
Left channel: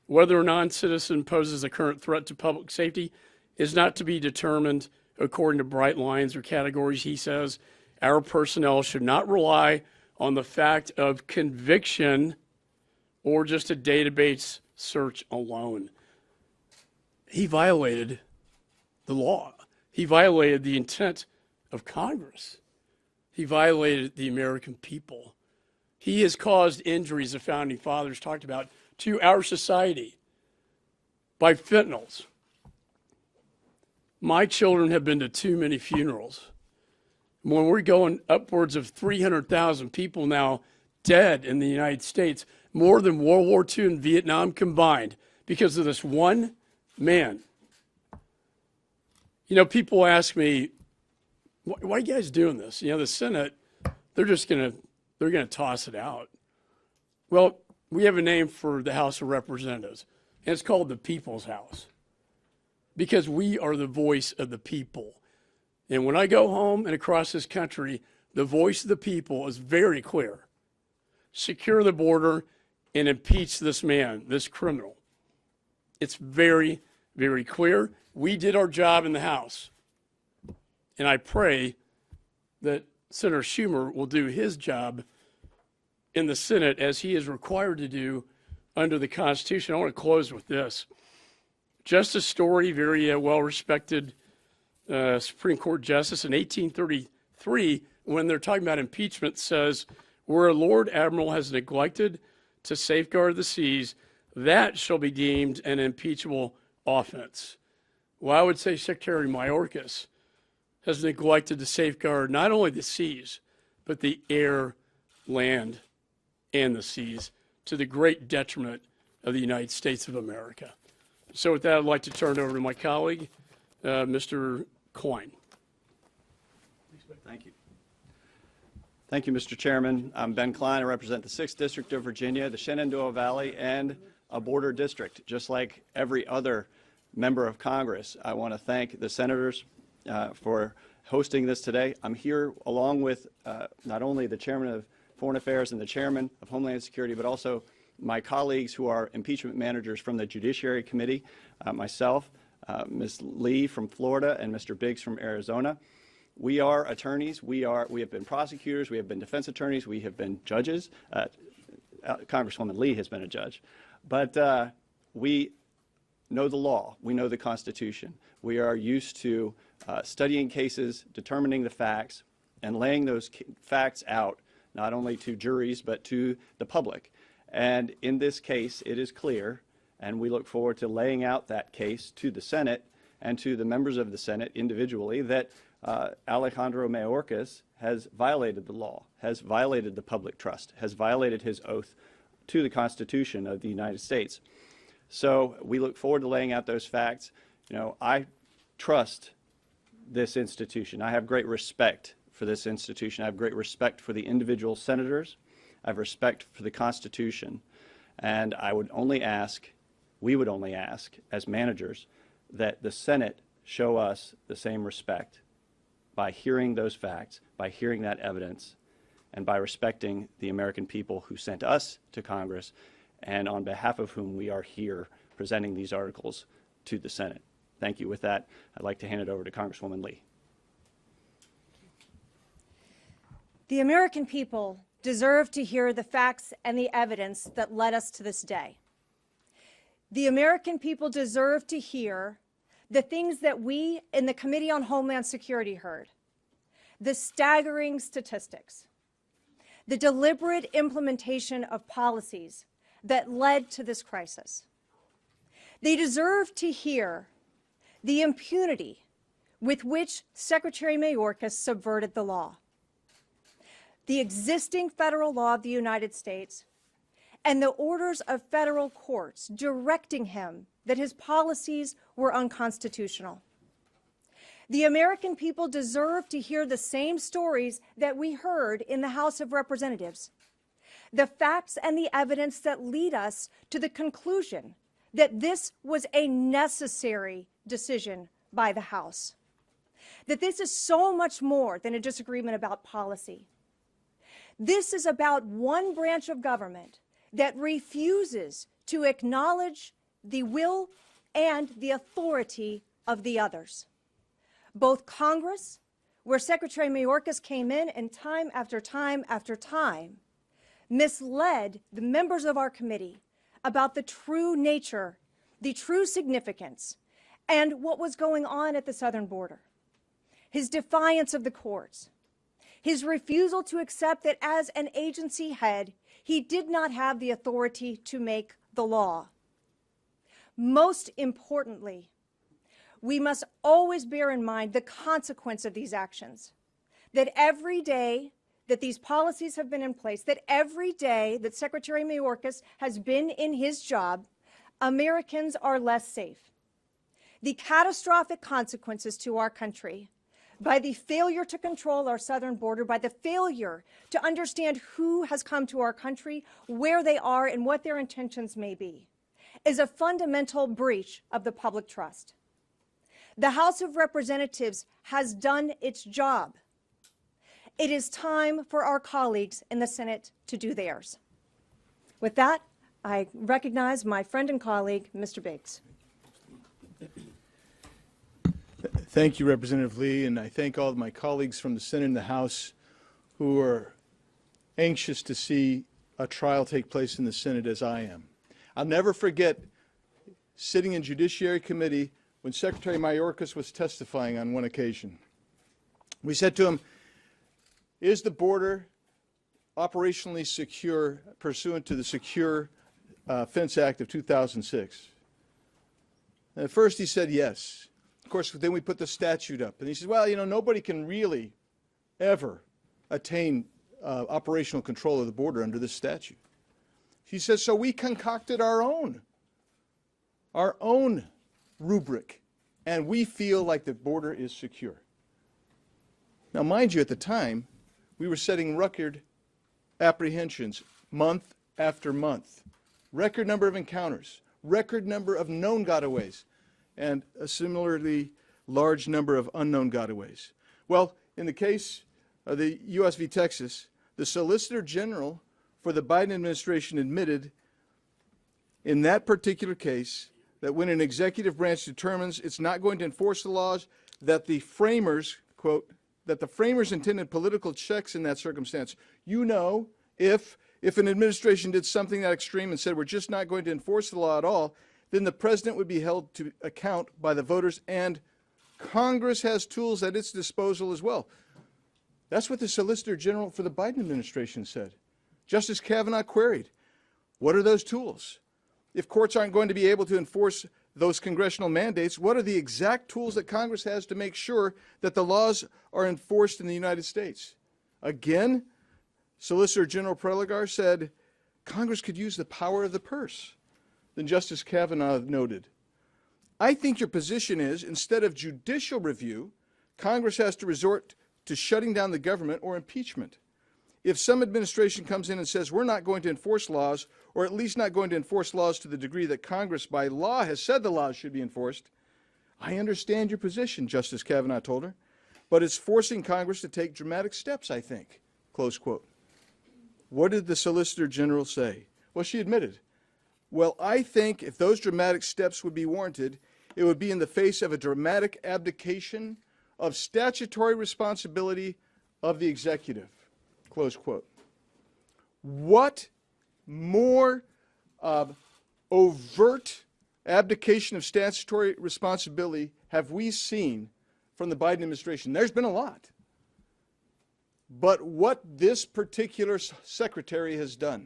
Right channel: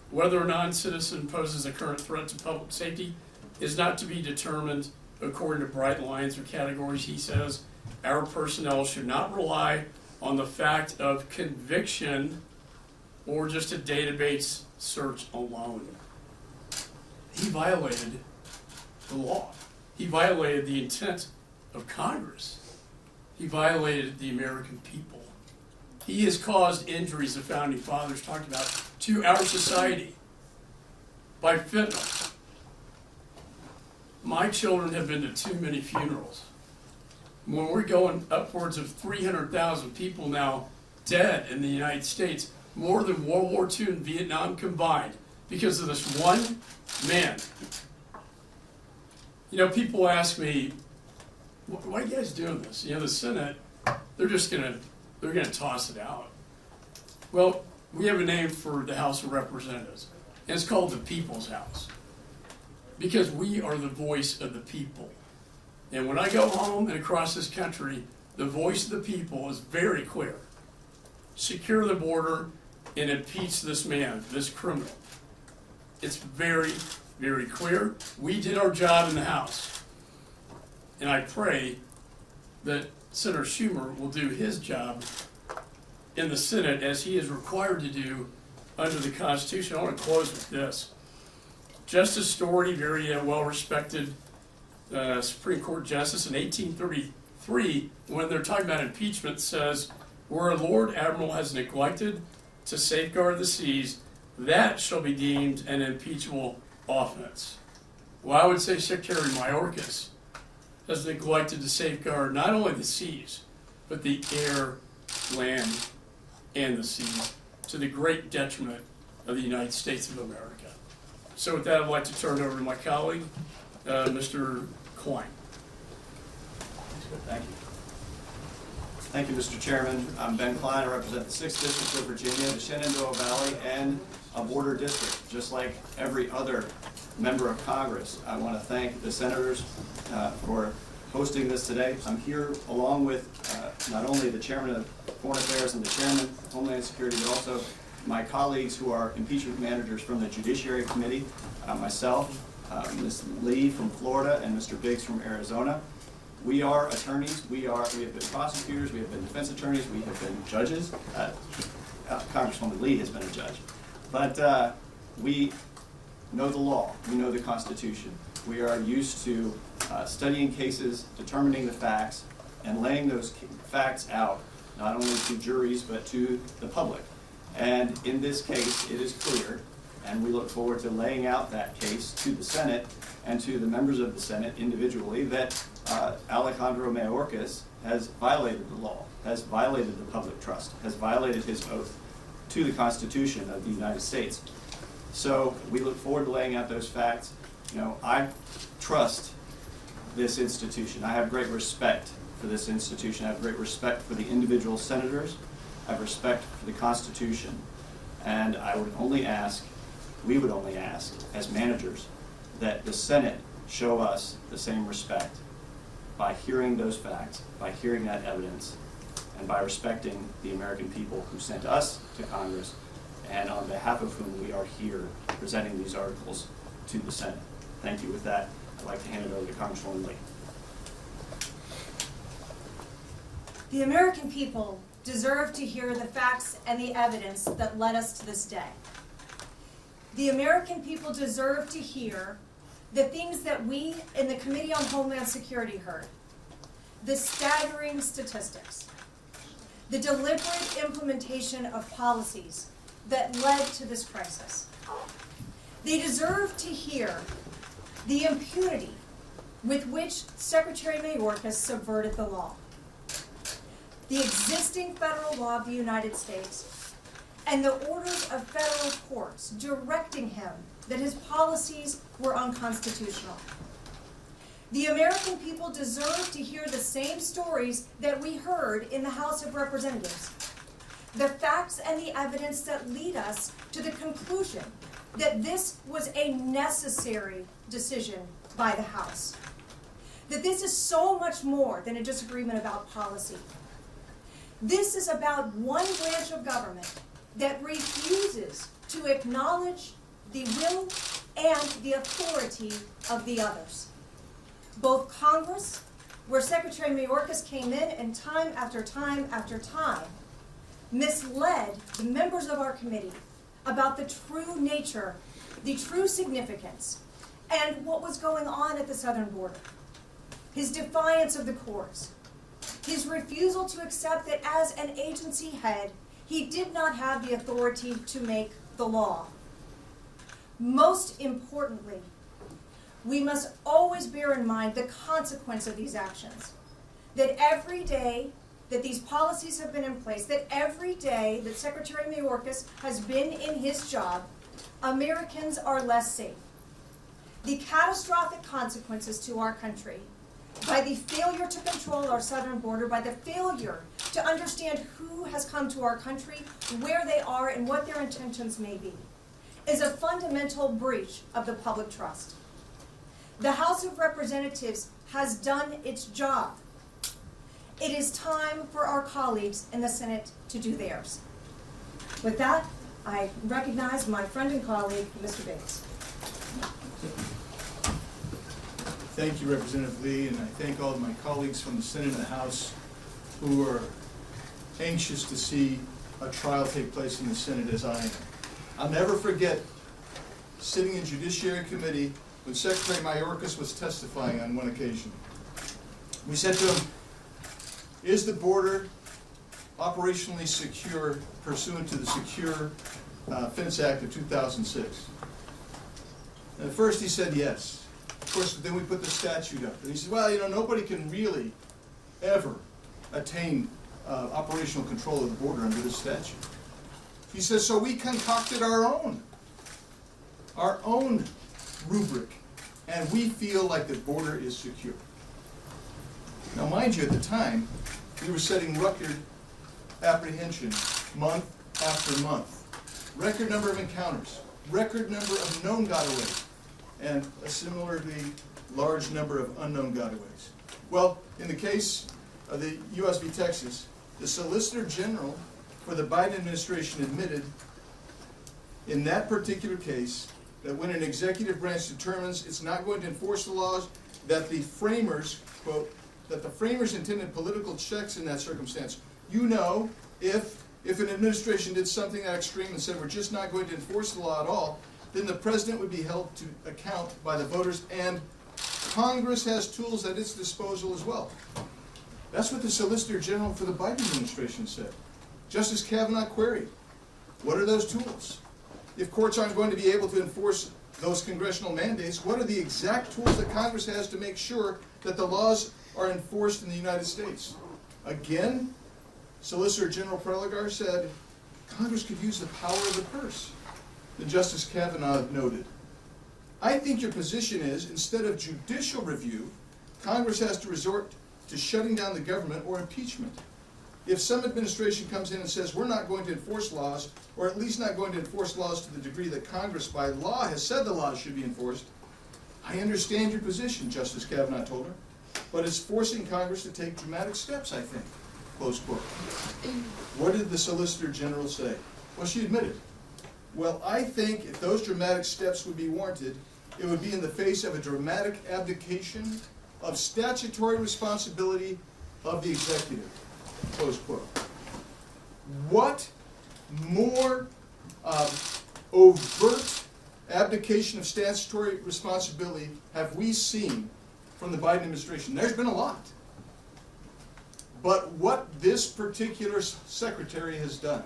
Whether a non-citizen poses a current threat to public safety is not to be determined according to bright lines or categories, he says. Our personnel should not rely on the fact of conviction or just a database search alone. He violated the law. He violated the intent of Congress. He violated the American people. He has caused injuries the founding fathers talked about to our society by fentanyl. My children have been to too many funerals. When we're going upwards of 300,000 people now dead in the United States, more than World War II and Vietnam combined, because of this one man. You know, people ask me, why are you guys doing this? You know, the Senate, they're gonna toss it out. Well, we have a name for the House of Representatives, and it's called the People's House, because we are the voice of the people. And when I go home and across this country, the voice of the people is very clear. Secure the border and impeach this man, this criminal. It's very, very clear. We did our job in the House. And I pray that Senator Schumer will do his job in the Senate as he is required to do under the Constitution. I want to close with this. Justice Story, very well-respected Supreme Court justice in 1833, when they're talking about impeachment, says, where a Lord Admiral has neglected to safeguard the seas, that shall be deemed an impeachable offense. Well, I would say Secretary Mayorkas has neglected to safeguard not only the seas, but the air, land, and the seas, to the great detriment of the United States of America. So with that, I'd like to turn it over to my colleague, Mr. Klein. Thank you. Thank you, Mr. Chairman. I'm Ben Klein. I represent the 6th District of Virginia, the Shenandoah Valley, and a border district, just like every other member of Congress. I want to thank the senators for hosting this today. I'm here along with not only the Chairman of Foreign Affairs and the Chairman of Homeland Security, but also my colleagues who are impeachment managers from the Judiciary Committee, myself, Ms. Lee from Florida, and Mr. Biggs from Arizona. We are attorneys. We have been prosecutors. We have been defense attorneys. We have been judges. Congresswoman Lee has been a judge. But we know the law. We know the Constitution. We are used to studying cases, determining the facts, and laying those facts out, not only to juries, but to the public. And in this case, it is clear, and we look forward to laying out that case to the Senate and to the members of the Senate individually, that Alejandro Mayorkas has violated the law, has violated the public trust, has violated his oath to the Constitution of the United States. So we look forward to laying out those facts. You know, I trust this institution. I have great respect for this institution. I have great respect for the individual senators. I have respect for the Constitution. And I would only ask, we would only ask, as managers, that the Senate show us the same respect by hearing those facts, by hearing that evidence, and by respecting the American people who sent us to Congress, and on behalf of whom we are here presenting these articles to the Senate. Thank you. With that, I'd like to hand it over to Congresswoman Lee. The American people deserve to hear the facts and the evidence that led us to this day. The American people deserve to hear the things that we in the Committee on Homeland Security heard. The staggering statistics. The deliberate implementation of policies that led to this crisis. They deserve to hear the impunity with which Secretary Mayorkas subverted the law, the existing federal law of the United States, and the orders of federal courts directing him that his policies were unconstitutional. The American people deserve to hear the same stories that we heard in the House of Representatives, the facts and the evidence that lead us to the conclusion that this was a necessary decision by the House, that this is so much more than a disagreement about policy. This is about one branch of government that refuses to acknowledge the will and the authority of the others. Both Congress, where Secretary Mayorkas came in and time after time after time misled the members of our committee about the true nature, the true significance, and what was going on at the southern border. His defiance of the courts, his refusal to accept that as an agency head, he did not have the authority to make the law. Most importantly, we must always bear in mind the consequence of these actions. That every day that these policies have been in place, that every day that Secretary Mayorkas has been in his job, Americans are less safe. The catastrophic consequences to our country by the failure to control our southern border, by the failure to understand who has come to our country, where they are, and what their intentions may be, is a fundamental breach of the public trust. The House of Representatives has done its job. It is time for our colleagues in the Senate to do theirs. With that, I recognize my friend and colleague, Mr. Bates. Thank you, Representative Lee, and I thank all of my colleagues from the Senate and the House who are anxious to see a trial take place in the Senate as I am. I'll never forget sitting in Judiciary Committee when Secretary Mayorkas was testifying on one occasion. We said to him, is the border operationally secure pursuant to the Secure Fence Act of 2006? And at first he said yes. Of course, then we put the statute up. And he said, well, you know, nobody can really ever attain operational control of the border under this statute. He says, so we concocted our own rubric, and we feel like the border is secure. Now, mind you, at the time, we were setting record apprehension month after month. Record number of encounters, record number of known gotaways, and a similarly large number of unknown gotaways. Well, in the case of the U.S. v. Texas, the Solicitor General for the Biden administration admitted in that particular case that when an executive branch determines it's not going to enforce the laws, that the framers, quote, that the framers intended political checks in that circumstance. You know, if an administration did something that extreme and said we're just not going to enforce the law at all, then the president would be held to account by the voters, and Congress has tools at its disposal as well. That's what the Solicitor General for the Biden administration said. Justice Kavanaugh queried, what are those tools? If courts aren't going to be able to enforce those congressional mandates, what are the exact tools that Congress has to make sure that the laws are enforced in the United States? Again, Solicitor General Preligar said, Congress could use the power of the purse. Then Justice Kavanaugh noted, I think your position is, instead of judicial review, Congress has to resort to shutting down the government or impeachment. If some administration comes in and says we're not going to enforce laws, or at least not going to enforce laws to the degree that Congress by law has said the laws should be enforced, I understand your position, Justice Kavanaugh told her, but it's forcing Congress to take dramatic steps, I think, close quote. What did the Solicitor General say? Well, she admitted, well, I think if those dramatic steps would be warranted, it would be in the face of a dramatic abdication of statutory responsibility of the executive, close quote. What more overt abdication of statutory responsibility have we seen from the Biden administration? There's been a lot. But what this particular secretary has done,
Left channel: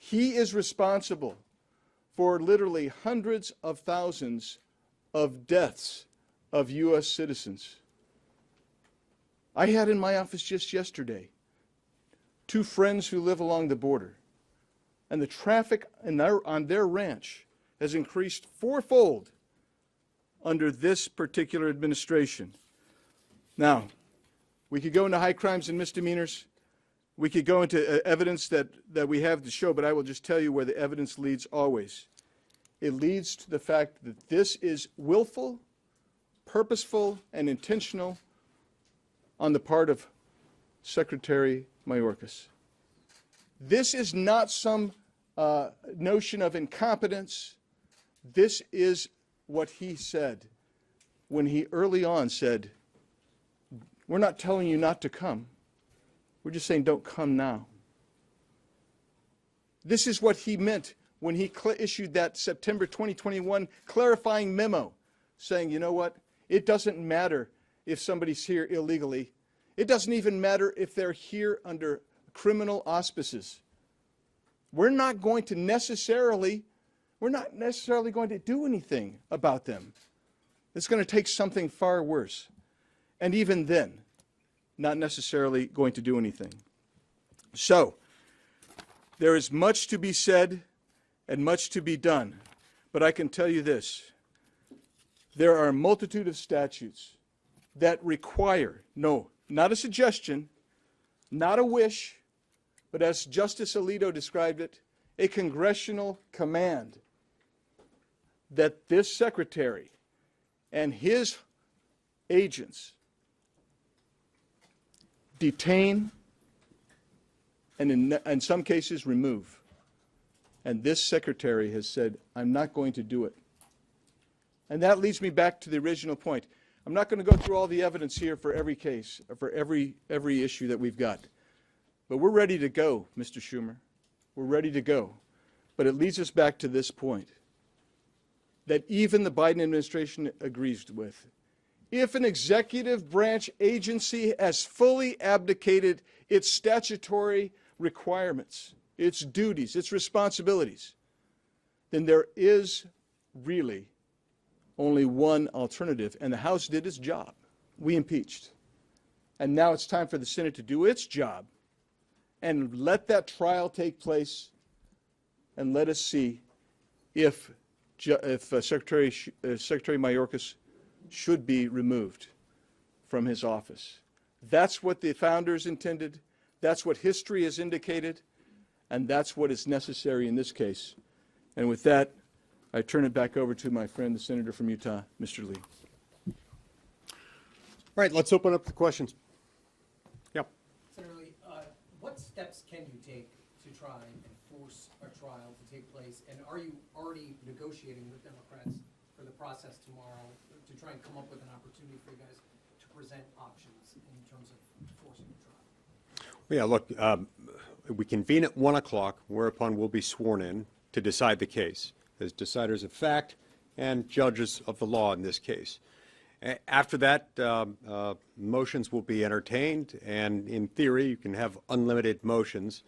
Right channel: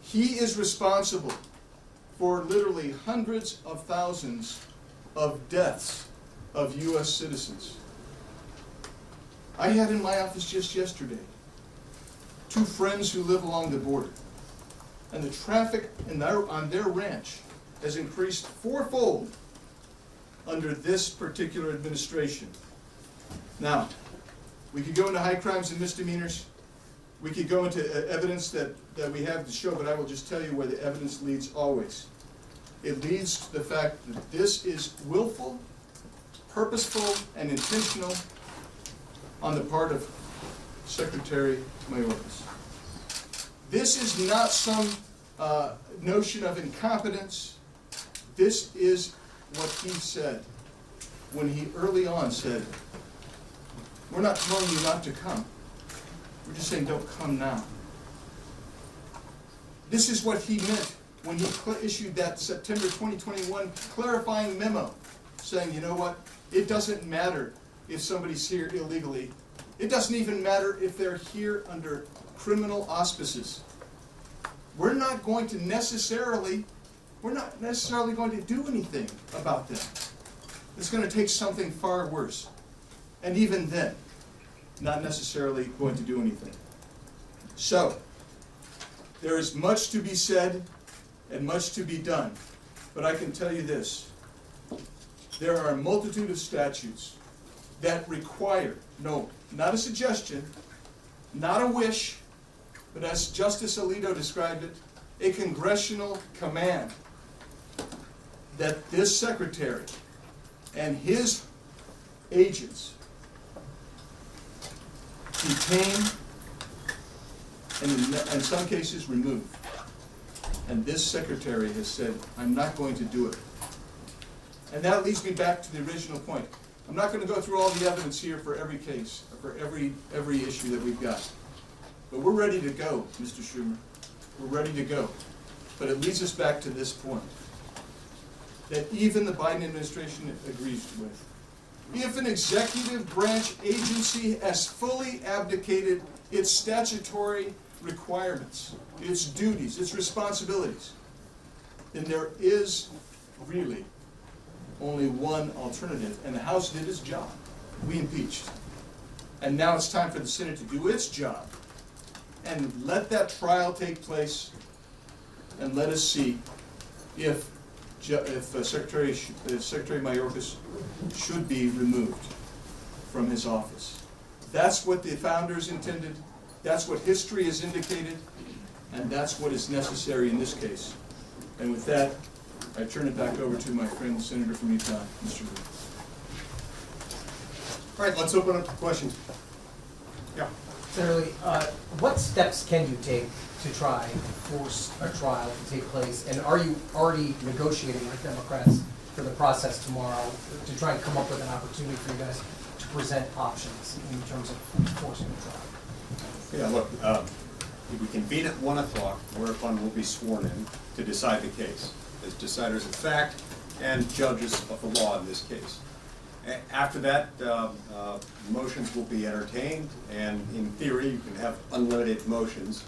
he is responsible for literally hundreds of thousands of deaths of U.S. citizens. I had in my office just yesterday 2 friends who live along the border, and the traffic on their ranch has increased 4-fold under this particular administration. Now, we could go into high crimes and misdemeanors. We could go into evidence that we have to show, but I will just tell you where the evidence leads always. It leads to the fact that this is willful, purposeful, and intentional on the part of Secretary Mayorkas. This is not some notion of incompetence. This is what he said when he early on said, we're not telling you not to come. We're just saying don't come now. This is what he meant when he issued that September 2021 clarifying memo saying, you know what, it doesn't matter if somebody's here illegally. It doesn't even matter if they're here under criminal auspices. We're not necessarily going to do anything about them. It's going to take something far worse. And even then, not necessarily going to do anything. So, there is much to be said and much to be done. But I can tell you this. There are a multitude of statutes that require, no, not a suggestion, not a wish, but as Justice Alito described it, a congressional command that this secretary and his agents detain and in some cases remove. And this secretary has said, I'm not going to do it. And that leads me back to the original point. I'm not going to go through all the evidence here for every case, or for every issue that we've got. But we're ready to go, Mr. Schumer. We're ready to go. But it leads us back to this point, that even the Biden administration agrees with. If an executive branch agency has fully abdicated its statutory requirements, its duties, its responsibilities, then there is really only one alternative, and the House did its job. We impeached. And now it's time for the Senate to do its job and let that trial take place, and let us see if Secretary Mayorkas should be removed from his office. That's what the founders intended, that's what history has indicated, and that's what is necessary in this case. And with that, I turn it back over to my friend, Senator from Utah, Mr. Lee. All right, let's open up for questions. Yeah. Senator Lee, what steps can you take to try and force a trial to take place? And are you already negotiating with Democrats for the process tomorrow to try and come up with an opportunity for you guys to present options in terms of forcing the trial? Yeah, look, we convene at 1 o'clock, whereupon we'll be sworn in to decide the case as deciders of fact and judges of the law in this case. After that, motions will be entertained, and in theory, you can have unlimited motions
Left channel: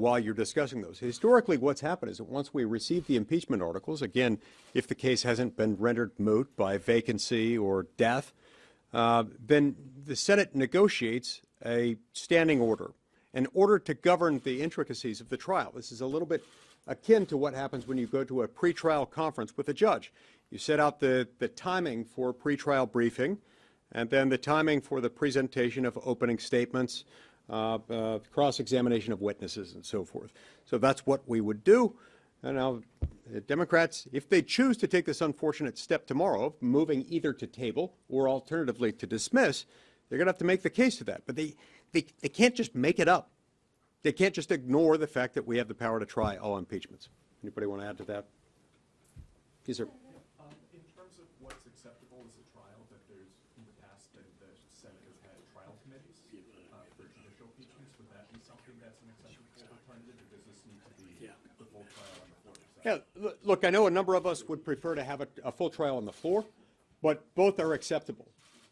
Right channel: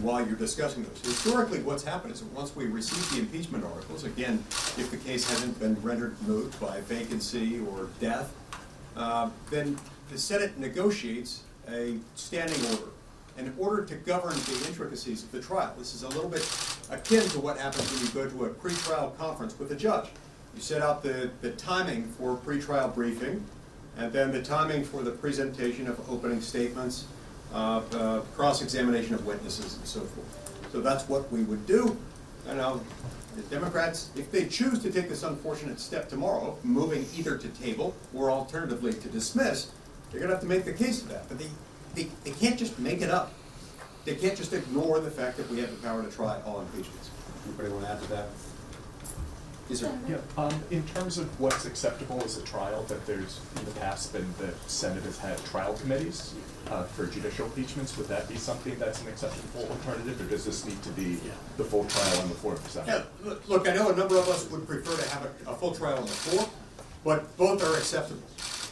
while you're discussing those. Historically, what's happened is that once we receive the impeachment articles, again, if the case hasn't been rendered moot by vacancy or death, then the Senate negotiates a standing order in order to govern the intricacies of the trial. This is a little bit akin to what happens when you go to a pretrial conference with a judge. You set out the timing for pretrial briefing, and then the timing for the presentation of opening statements, cross-examination of witnesses, and so forth. So that's what we would do. And now, the Democrats, if they choose to take this unfortunate step tomorrow, moving either to table or alternatively to dismiss, they're going to have to make the case for that. But they can't just make it up. They can't just ignore the fact that we have the power to try all impeachments. Anybody want to add to that? Yes, sir. Yeah, in terms of what's acceptable as a trial, that there's in the past been the Senate has had trial committees for judicial impeachments. Would that be something that's an acceptable alternative, or does this need to be the full trial on the floor of the Senate? Yeah, look, I know a number of us would prefer to have a full trial on the floor, but both are acceptable.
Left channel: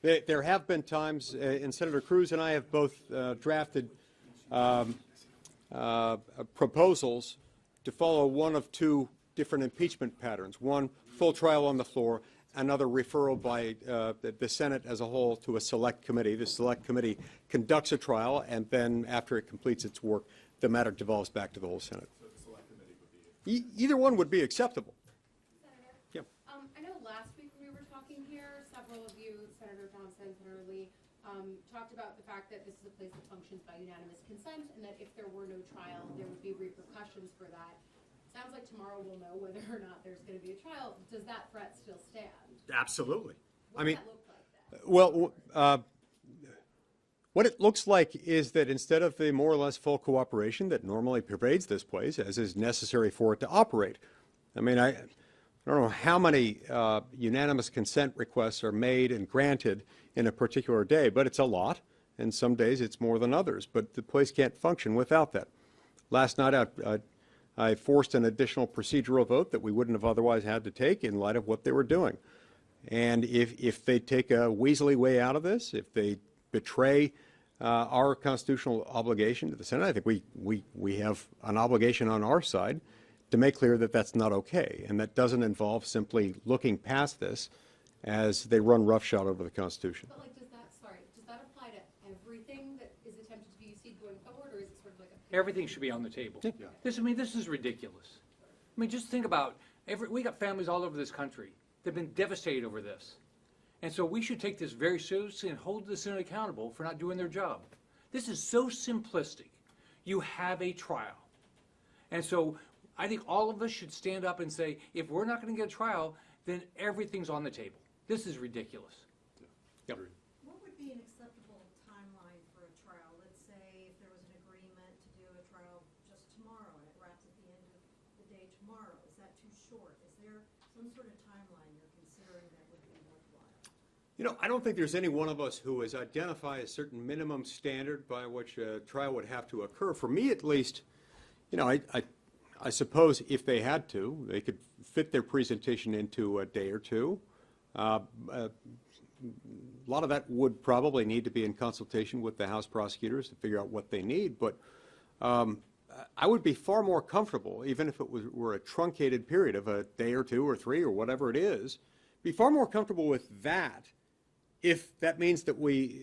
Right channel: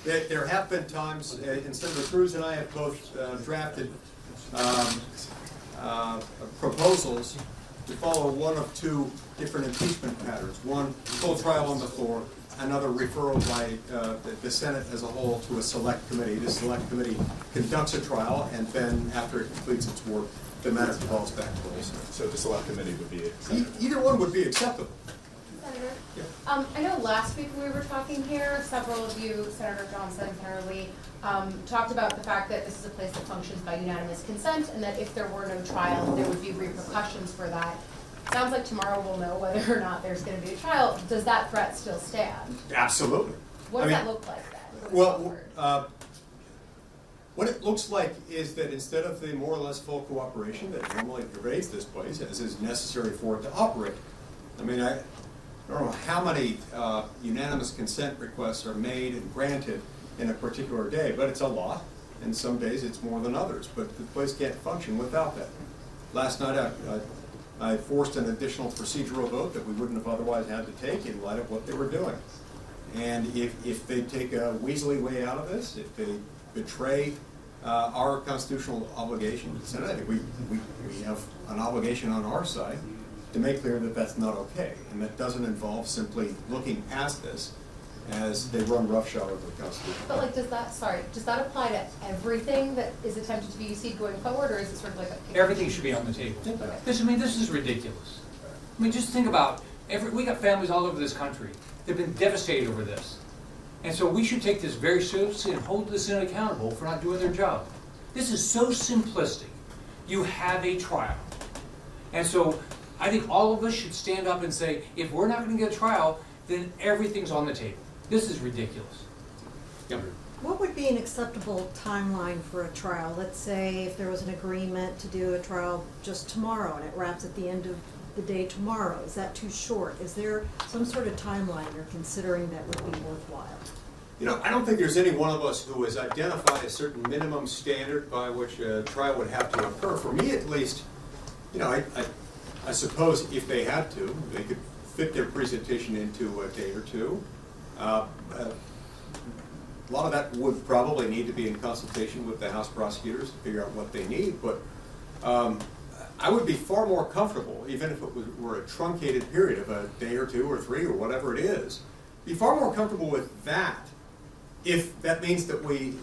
There have been times, and Senator Cruz and I have both drafted proposals to follow one of two different impeachment patterns. One, full trial on the floor, another referral by the Senate as a whole to a select committee. The select committee conducts a trial, and then after it completes its work, the matter devolves back to the Senate. So the select committee would be acceptable? Either one would be acceptable. Senator? Yeah. I know last week we were talking here, several of you, Senator Johnson, Senator Lee, talked about the fact that this is a place that functions by unanimous consent, and that if there were no trial, there would be repercussions for that. Sounds like tomorrow we'll know whether or not there's going to be a trial. Does that threat still stand? Absolutely. What does that look like then? Well, What it looks like is that instead of the more or less full cooperation that normally pervades this place, as is necessary for it to operate, I mean, I don't know how many unanimous consent requests are made and granted in a particular day, but it's a lot, and some days it's more than others, but the place can't function without that. Last night I forced an additional procedural vote that we wouldn't have otherwise had to take in light of what they were doing. And if they take a weaselly way out of this, if they betray our constitutional obligation to the Senate, I think we have an obligation on our side to make clear that that's not okay, and that doesn't involve simply looking past this as they run roughshod over the Constitution. But like, does that apply to everything that is attempted to be UC going forward, or is it sort of like a? Everything should be on the table. This is ridiculous. I mean, just think about, we got families all over this country that have been devastated over this. And so we should take this very seriously and hold the Senate accountable for not doing their job. This is so simplistic. You have a trial. And so I think all of us should stand up and say, if we're not gonna get a trial, then everything's on the table. This is ridiculous. What would be an acceptable timeline for a trial? Let's say if there was an agreement to do a trial just tomorrow and it wraps at the end of the day tomorrow. Is that too short? Is there some sort of timeline you're considering that would be worthwhile? You know, I don't think there's any one of us who has identified a certain minimum standard by which a trial would have to occur. For me, at least, you know, I suppose if they had to, they could fit their presentation into a day or two. A lot of that would probably need to be in consultation with the House prosecutors to figure out what they need, but I would be far more comfortable, even if it were a truncated period of a day or two or three or whatever it is, be far more comfortable with that if that means that we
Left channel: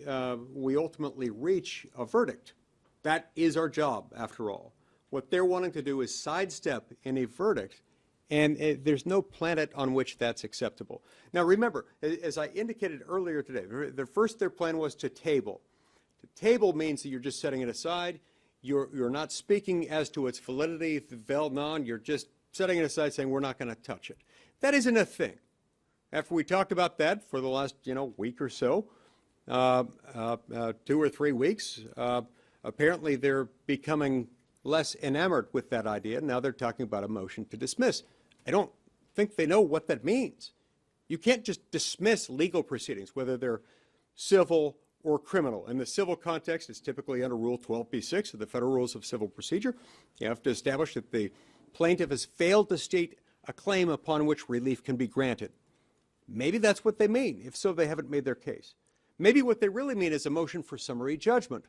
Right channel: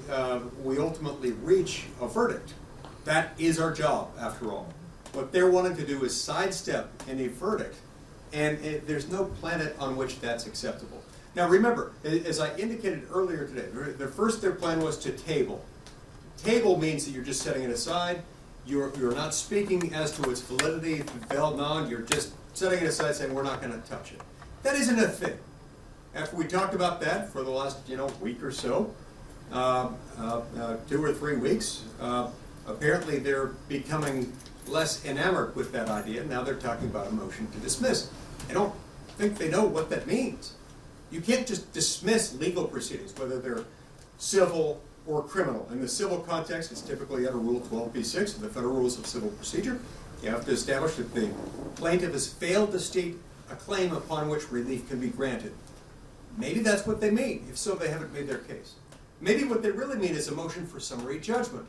ultimately reach a verdict. That is our job, after all. What they're wanting to do is sidestep any verdict, and there's no planet on which that's acceptable. Now remember, as I indicated earlier today, their plan was to table. Table means that you're just setting it aside. You're not speaking as to its validity, vel non, you're just setting it aside saying we're not going to touch it. That isn't a thing. After we talked about that for the last week or so, 2 or 3 weeks, apparently they're becoming less enamored with that idea. Now they're talking about a motion to dismiss. I don't think they know what that means. You can't just dismiss legal proceedings, whether they're civil or criminal. In the civil context, it's typically under Rule 12b-6 of the Federal Rules of Civil Procedure. You have to establish that the plaintiff has failed to state a claim upon which relief can be granted. Maybe that's what they mean. If so, they haven't made their case. Maybe what they really mean is a motion for summary judgment.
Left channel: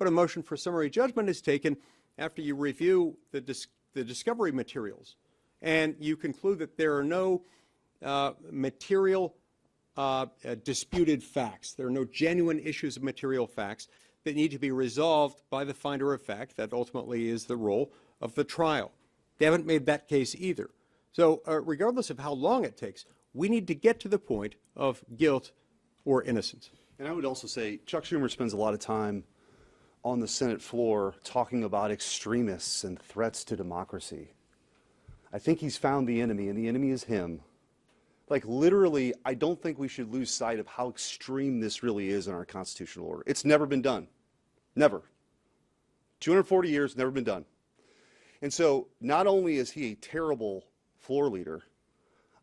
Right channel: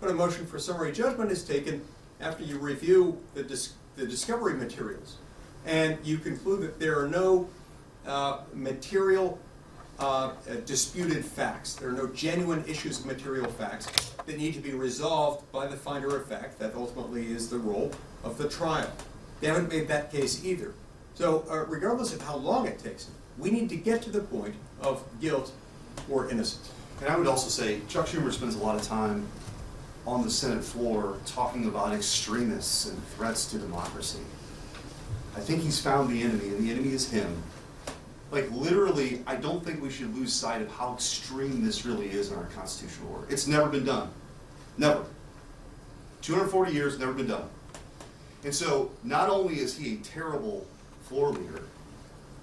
But a motion for summary judgment is taken after you review the discovery materials and you conclude that there are no material disputed facts. There are no genuine issues of material facts that need to be resolved by the finder of fact. That ultimately is the role of the trial. They haven't made that case either. So regardless of how long it takes, we need to get to the point of guilt or innocence. And I would also say Chuck Schumer spends a lot of time on the Senate floor talking about extremists and threats to democracy. I think he's found the enemy, and the enemy is him. Like literally, I don't think we should lose sight of how extreme this really is in our constitutional order. It's never been done. Never. 240 years, never been done. And so, not only is he a terrible floor leader,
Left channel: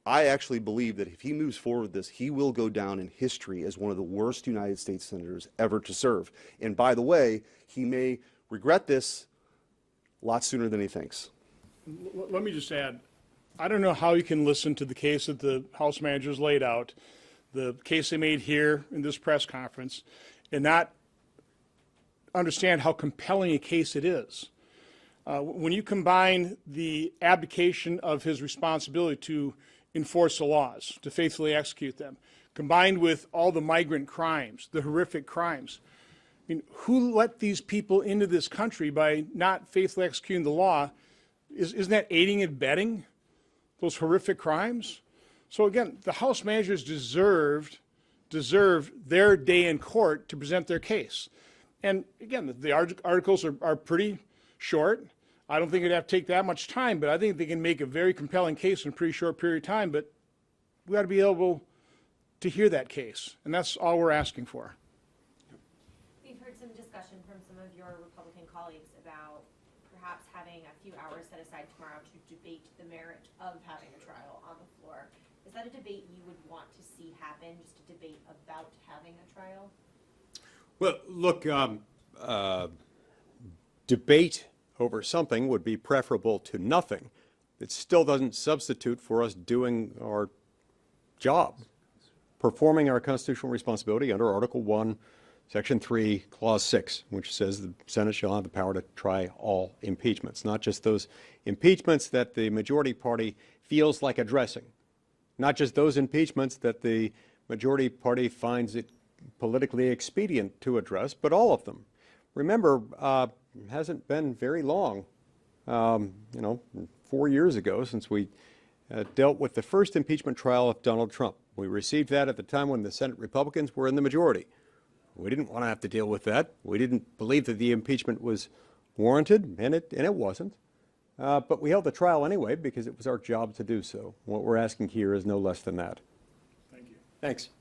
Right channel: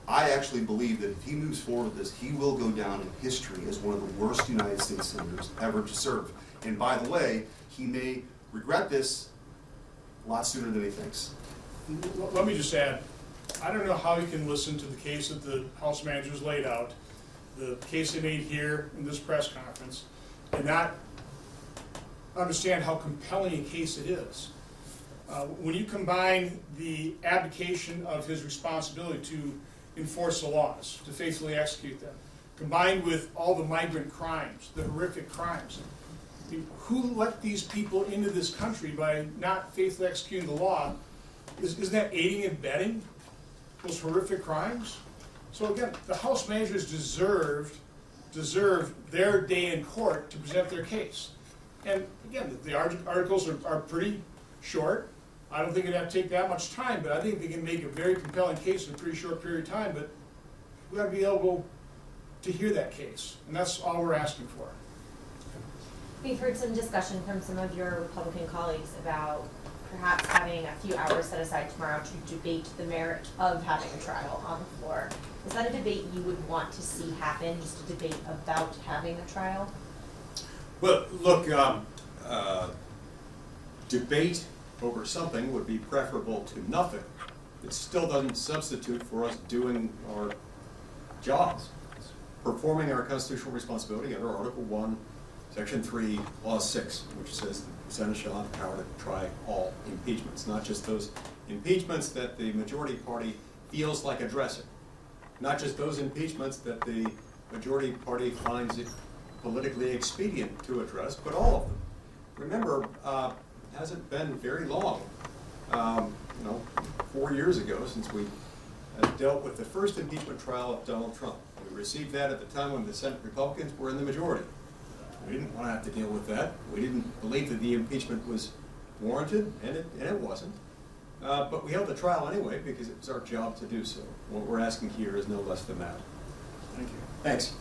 I actually believe that if he moves forward with this, he will go down in history as one of the worst United States senators ever to serve. And by the way, he may regret this a lot sooner than he thinks. Let me just add, I don't know how you can listen to the case that the House managers laid out, the case they made here in this press conference, and not understand how compelling a case it is. When you combine the abdication of his responsibility to enforce the laws, to faithfully execute them, combined with all the migrant crimes, the horrific crimes, I mean, who let these people into this country by not faithfully executing the law? Isn't that aiding and abetting those horrific crimes? So again, the House managers deserve their day in court to present their case. And again, the articles are pretty short. I don't think it'd have to take that much time, but I think they can make a very compelling case in a pretty short period of time, but we ought to be able to hear that case. And that's all we're asking for. We've heard some discussion from some of your Republican colleagues about perhaps having a few hours set aside tomorrow to debate the merit of having a trial on the floor. Is that a debate you would want to see happen, just a debate about having a trial? Well, look, debate over something would be preferable to nothing. It still doesn't substitute for us doing our jobs, performing our constitutional responsibility under Article 1, Section 3, Clause 6, which says the Senate shall have the power to try all impeachments, not just those impeachments that the majority party feels like addressing, not just those impeachments that the majority party finds it politically expedient to address, but all of them. Remember, it hasn't been very long, 4 years ago since we dealt with the first impeachment trial of Donald Trump. We received that at the time when the Senate Republicans were in the majority. We didn't want to have to deal with that. We didn't believe that the impeachment was warranted, and it wasn't. But we held the trial anyway because it was our job to do so. What we're asking here is no less than that. Thank you. Thanks.